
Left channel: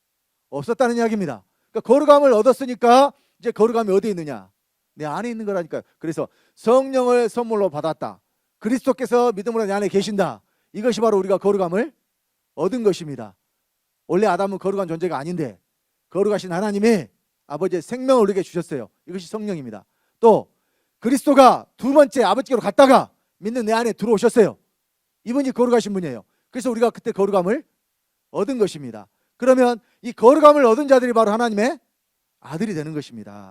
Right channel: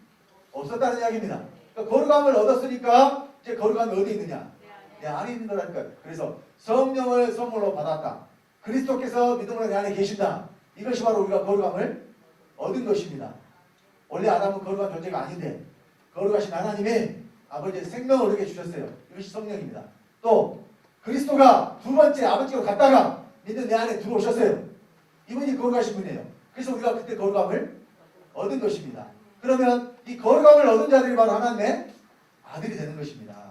없었다는 이야기입니다. 그러니까 거룩함을 얻었으니까 이제 거룩함이 어디 있느냐? 내 안에 있는 거라니까요. 그래서 성령을 선물로 받았다. 그리스도께서 믿음으로 내 안에 계신다. 이것이 바로 우리가 거룩함을 얻은 것입니다. 원래 아담은 거룩한 존재가 아닌데 거룩하신 하나님이 아버지의 생명을 우리에게 주셨어요. 이것이 성령입니다. 또 그리스도가 두 번째 아버지께로 갔다가 믿는 내 안에 들어오셨어요. 이분이 거룩하신 분이에요. 그래서 우리가 그때 거룩함을 얻은 것입니다. 그러면 이 거룩함을 얻은 자들이 바로 하나님의 아들이 되는 것입니다.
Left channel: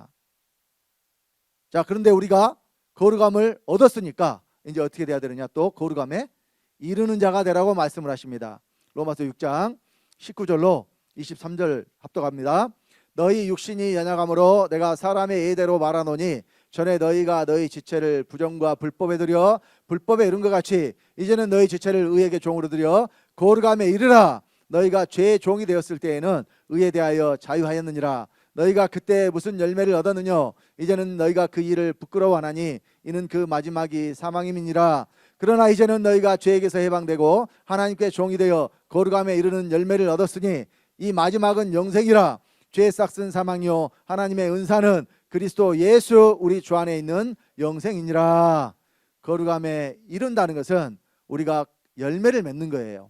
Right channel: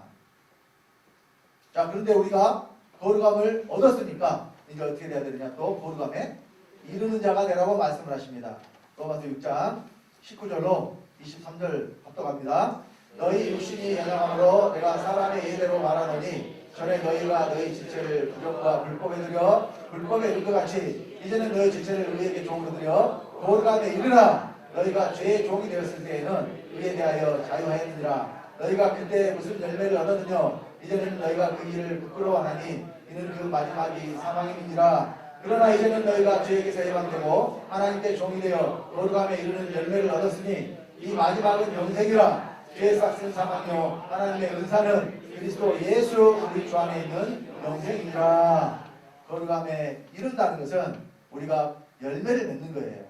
자, 그런데 우리가 거룩함을 얻었으니까 이제 어떻게 돼야 되느냐? 또 거룩함에 이르는 자가 되라고 말씀을 하십니다. 로마서 6장 19절로 23절 합독합니다. 너희 육신이 연약함으로 내가 사람의 예대로 말하노니 전에 너희가 너희 지체를 부정과 불법에 들여 불법에 이른 것 같이 이제는 너희 지체를 의에게 종으로 들여 거룩함에 이르라. 너희가 죄의 종이 되었을 때에는 의에 대하여 자유하였느니라. 너희가 그때 무슨 열매를 얻었느냐? 이제는 너희가 그 일을 부끄러워하나니 이는 그 마지막이 사망임이니라. 그러나 이제는 너희가 죄에게서 해방되고 하나님께 종이 되어 거룩함에 이르는 열매를 얻었으니 이 마지막은 영생이라. 죄의 싹은 사망이요 하나님의 은사는 그리스도 예수 우리 주 안에 있는 영생이니라. 거룩함에 이른다는 것은 우리가 열매를 맺는 거예요.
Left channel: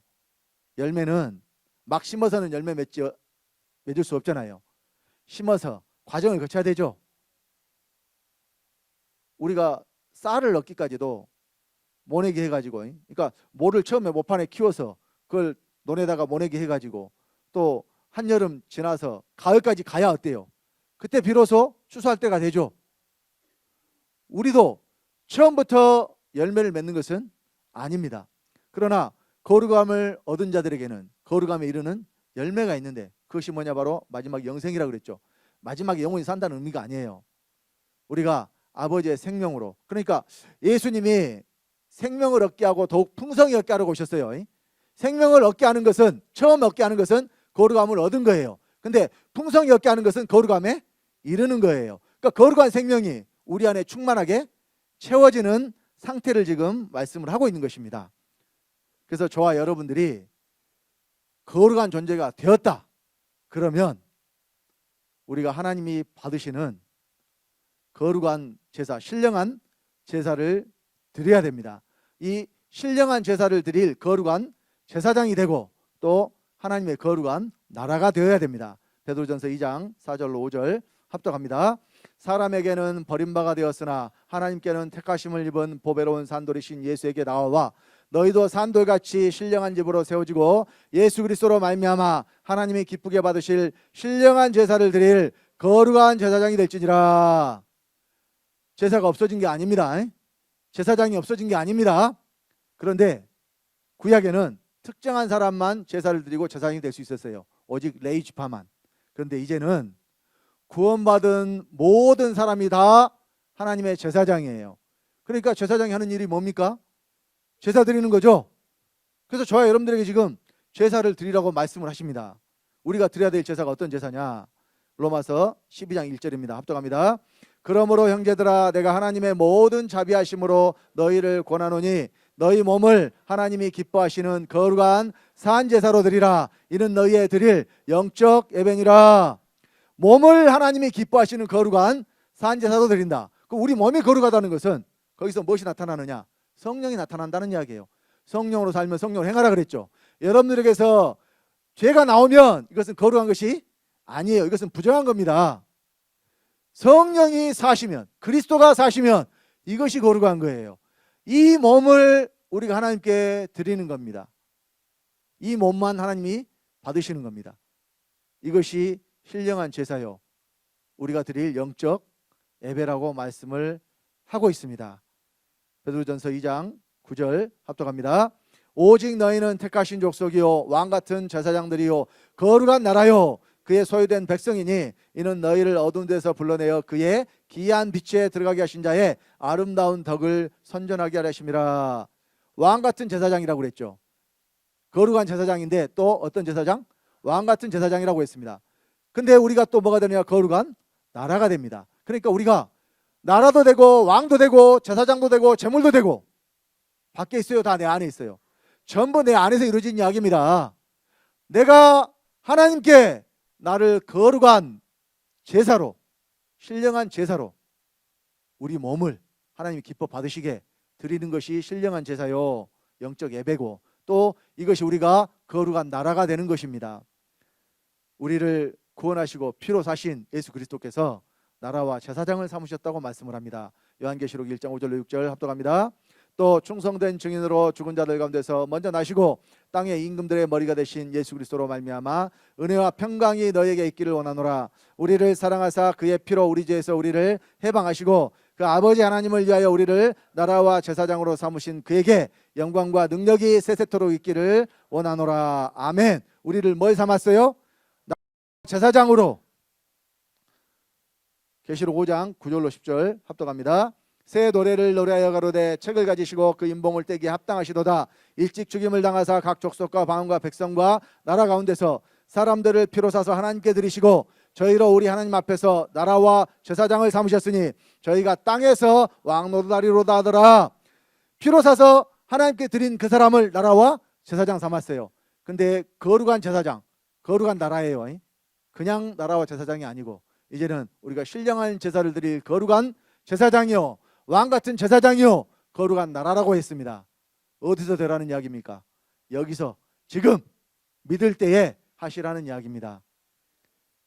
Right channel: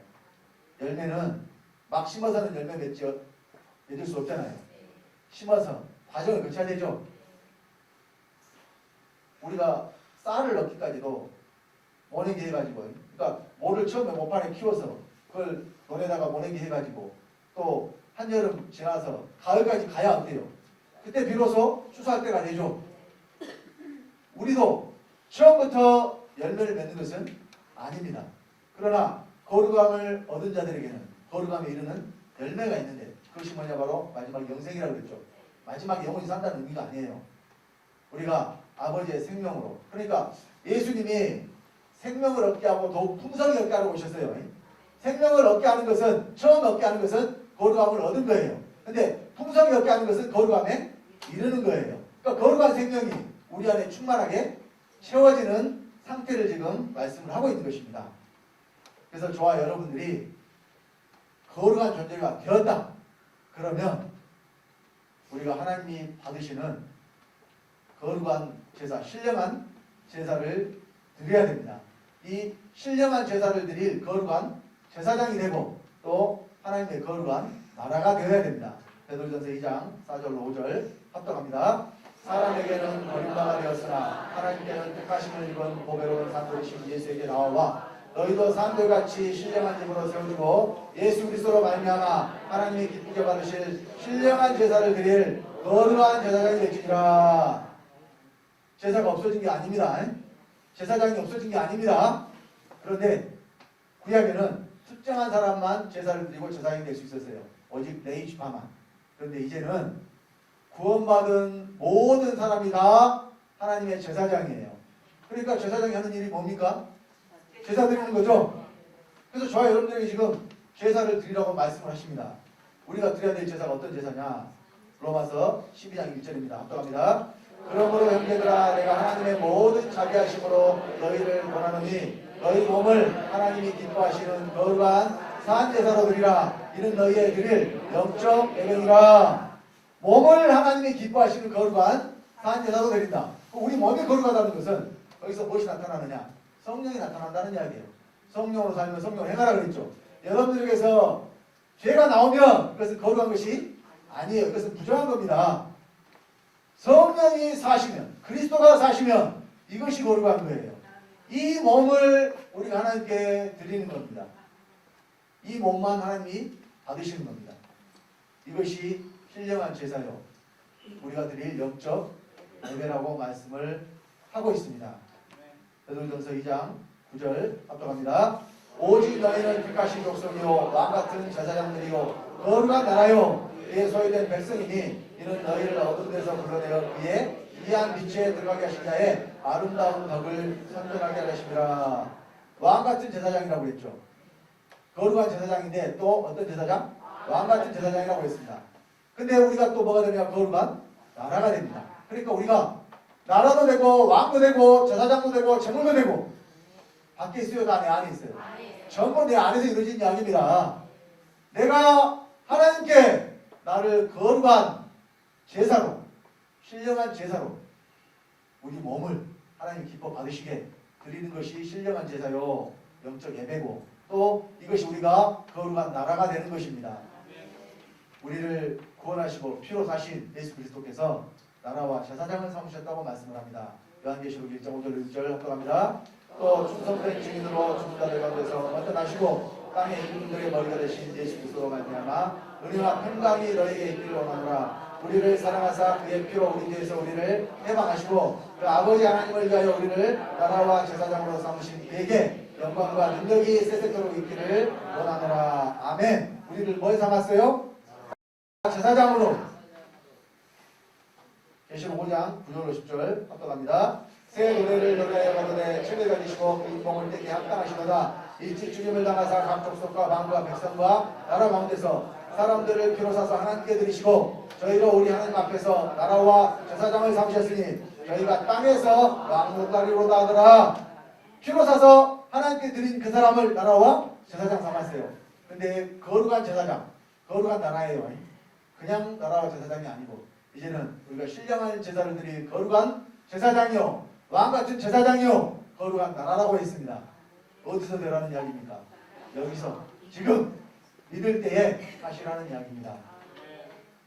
열매는 막 심어서는 열매 맺을 수 없잖아요. 심어서 과정을 거쳐야 되죠. 우리가 쌀을 넣기까지도 모내기 해가지고, 그러니까 모를 처음에 모판에 키워서 그걸 논에다가 모내기 해가지고 또 한여름 지나서 가을까지 가야 어때요? 그때 비로소 추수할 때가 되죠. 우리도 처음부터 열매를 맺는 것은 아닙니다. 그러나 거룩함을 얻은 자들에게는 거룩함에 이르는 열매가 있는데 그것이 뭐냐? 바로 마지막 영생이라고 그랬죠. 마지막에 영원히 산다는 의미가 아니에요. 우리가 아버지의 생명으로, 그러니까 예수님이 생명을 얻게 하고 더욱 풍성히 얻게 하려고 오셨어요. 생명을 얻게 하는 것은, 처음 얻게 하는 것은 거룩함을 얻은 거예요. 근데 풍성히 얻게 하는 것은 거룩함에 이르는 거예요. 그러니까 거룩한 생명이 우리 안에 충만하게 채워지는 상태를 지금 말씀을 하고 있는 것입니다. 그래서 저와 여러분들이 거룩한 존재가 되었다. 그러면 우리가 하나님이 받으시는 거룩한 제사, 신령한 제사를 드려야 됩니다. 이 신령한 제사를 드릴 거룩한 제사장이 되고 또 하나님의 거룩한 나라가 되어야 됩니다. 베드로전서 2장 4절로 5절 합독합니다. 사람에게는 버림바가 되었으나 하나님께는 택하심을 입은 보배로운 산돌이신 예수에게 나와와 너희도 산돌같이 신령한 집으로 세워지고 예수 그리스도로 말미암아 하나님이 기쁘게 받으실 신령한 제사를 드릴 거룩한 제사장이 될지니라. 제사가 없어진 게 아닙니다. 제사장이 없어진 게 아닙니다. 그런데 구약에는 특정한 사람만 제사를 드리고 제사장이 될 수 있었어요. 오직 레위 지파만. 그런데 이제는 구원받은 모든 사람이 다 하나님의 제사장이에요. 그러니까 제사장이 하는 일이 뭡니까? 제사 드리는 거죠. 그래서 저와 여러분들에게 지금 제사를 드리라고 말씀을 하십니다. 우리가 드려야 될 제사가 어떤 제사냐? 로마서 12장 1절입니다. 합독합니다. 그러므로 형제들아 내가 하나님의 모든 자비하심으로 너희를 권하노니 너희 몸을 하나님이 기뻐하시는 거룩한 산제사로 드리라. 이는 너희의 드릴 영적 예배니라. 몸을 하나님이 기뻐하시는 거룩한 산제사로 드린다. 우리 몸이 거룩하다는 것은 거기서 무엇이 나타나느냐? 성령이 나타난다는 이야기예요. 성령으로 살면 성령 행하라 그랬죠. 여러분들에게서 죄가 나오면 이것은 거룩한 것이 아니에요. 이것은 부정한 겁니다. 성령이 사시면, 그리스도가 사시면 이것이 거룩한 거예요. 이 몸을 우리가 하나님께 드리는 겁니다. 이 몸만 하나님이 받으시는 겁니다. 이것이 신령한 제사요, 우리가 드릴 영적 예배라고 말씀을 하고 있습니다. 베드로전서 2장 9절 합독합니다. 오직 너희는 택하신 족속이요 왕같은 제사장들이요 거룩한 나라요 그의 소유된 백성이니 이는 너희를 어두운 데서 불러내어 그의 기이한 빛에 들어가게 하신 자의 아름다운 덕을 선전하게 하심이라. 왕같은 제사장이라고 그랬죠. 거룩한 제사장인데 또 어떤 제사장? 왕같은 제사장이라고 했습니다. 근데 우리가 또 뭐가 되냐? 거룩한 나라가 됩니다. 그러니까 우리가 나라도 되고 왕도 되고 제사장도 되고 제물도 되고. 밖에 있어요? 다 내 안에 있어요? 전부 내 안에서 이루어진 이야기입니다. 내가 하나님께 나를 거룩한 제사로, 신령한 제사로 우리 몸을 하나님이 기뻐 받으시게 드리는 것이 신령한 제사요 영적 예배고, 또 이것이 우리가 거룩한 나라가 되는 것입니다. 우리를 구원하시고 피로 사신 예수 그리스도께서 나라와 제사장을 삼으셨다고 말씀을 합니다. 요한계시록 1장 5절 6절 합독합니다. 또 충성된 증인으로 죽은 자들 가운데서 먼저 나시고 땅의 임금들의 머리가 되신 예수 그리스도로 말미암아 은혜와 평강이 너에게 있기를 원하노라. 우리를 사랑하사 그의 피로 우리 죄에서 우리를 해방하시고 그 아버지 하나님을 위하여 우리를 나라와 제사장으로 삼으신 그에게 영광과 능력이 세세토록 있기를 원하노라. 아멘. 우리를 뭘 삼았어요? 제사장으로. 계시록 5장 9절로 10절 합독합니다. 새 노래를 노래하여 가로되 책을 가지시고 그 인봉을 떼기에 합당하시도다. 일찍 죽임을 당하사 각 족속과 방언과 백성과 나라 가운데서 사람들을 피로 사서 하나님께 드리시고 저희로 우리 하나님 앞에서 나라와 제사장을 삼으셨으니 저희가 땅에서 왕노다리로다 하더라. 피로 사서 하나님께 드린 그 사람을 나라와 제사장 삼았어요. 근데 거룩한 제사장, 거룩한 나라예요. 그냥 나라와 제사장이 아니고 이제는 우리가 신령한 제사를 드릴 거룩한 제사장이요 왕같은 제사장이요 거룩한 나라라고 했습니다. 어디서 되라는 이야기입니까? 여기서 지금 믿을 때에 하시라는 이야기입니다.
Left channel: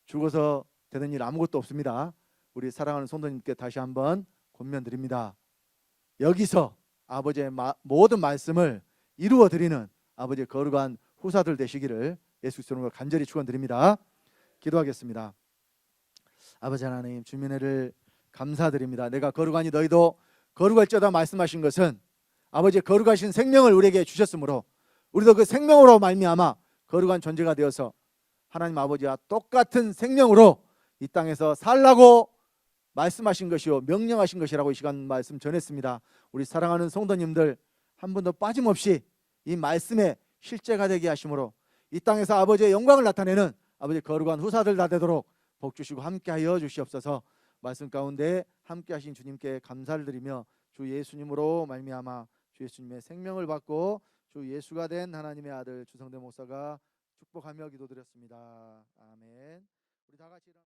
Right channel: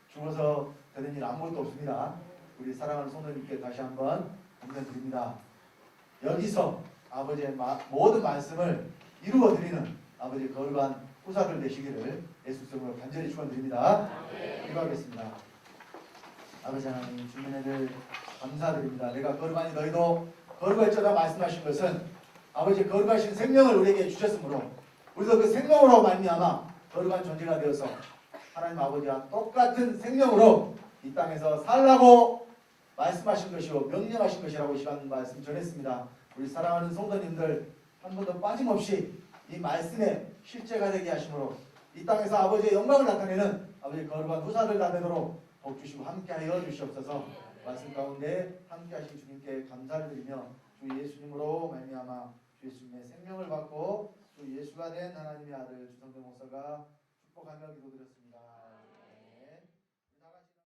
죽어서 되는 일 아무것도 없습니다. 우리 사랑하는 성도님께 다시 한번 권면드립니다. 여기서 아버지의 모든 말씀을 이루어 드리는 아버지의 거룩한 후사들 되시기를 예수 이름으로 간절히 축원드립니다. 기도하겠습니다. 아버지 하나님, 주님의 은혜를 감사드립니다. 내가 거룩하니 너희도 거룩할지어다 말씀하신 것은 아버지의 거룩하신 생명을 우리에게 주셨으므로 우리도 그 생명으로 말미암아 거룩한 존재가 되어서 하나님 아버지와 똑같은 생명으로 이 땅에서 살라고 말씀하신 것이요 명령하신 것이라고 이 시간 말씀 전했습니다. 우리 사랑하는 성도님들 한 번도 빠짐없이 이 말씀에 실제가 되게 하심으로 이 땅에서 아버지의 영광을 나타내는 아버지의 거룩한 후사들 다 되도록 복 주시고 함께하여 주시옵소서. 말씀 가운데 함께하신 주님께 감사를 드리며 주 예수님으로 말미암아 주 예수님의 생명을 받고 주 예수가 된 하나님의 아들 주성대 목사가 축복하며 기도드렸습니다.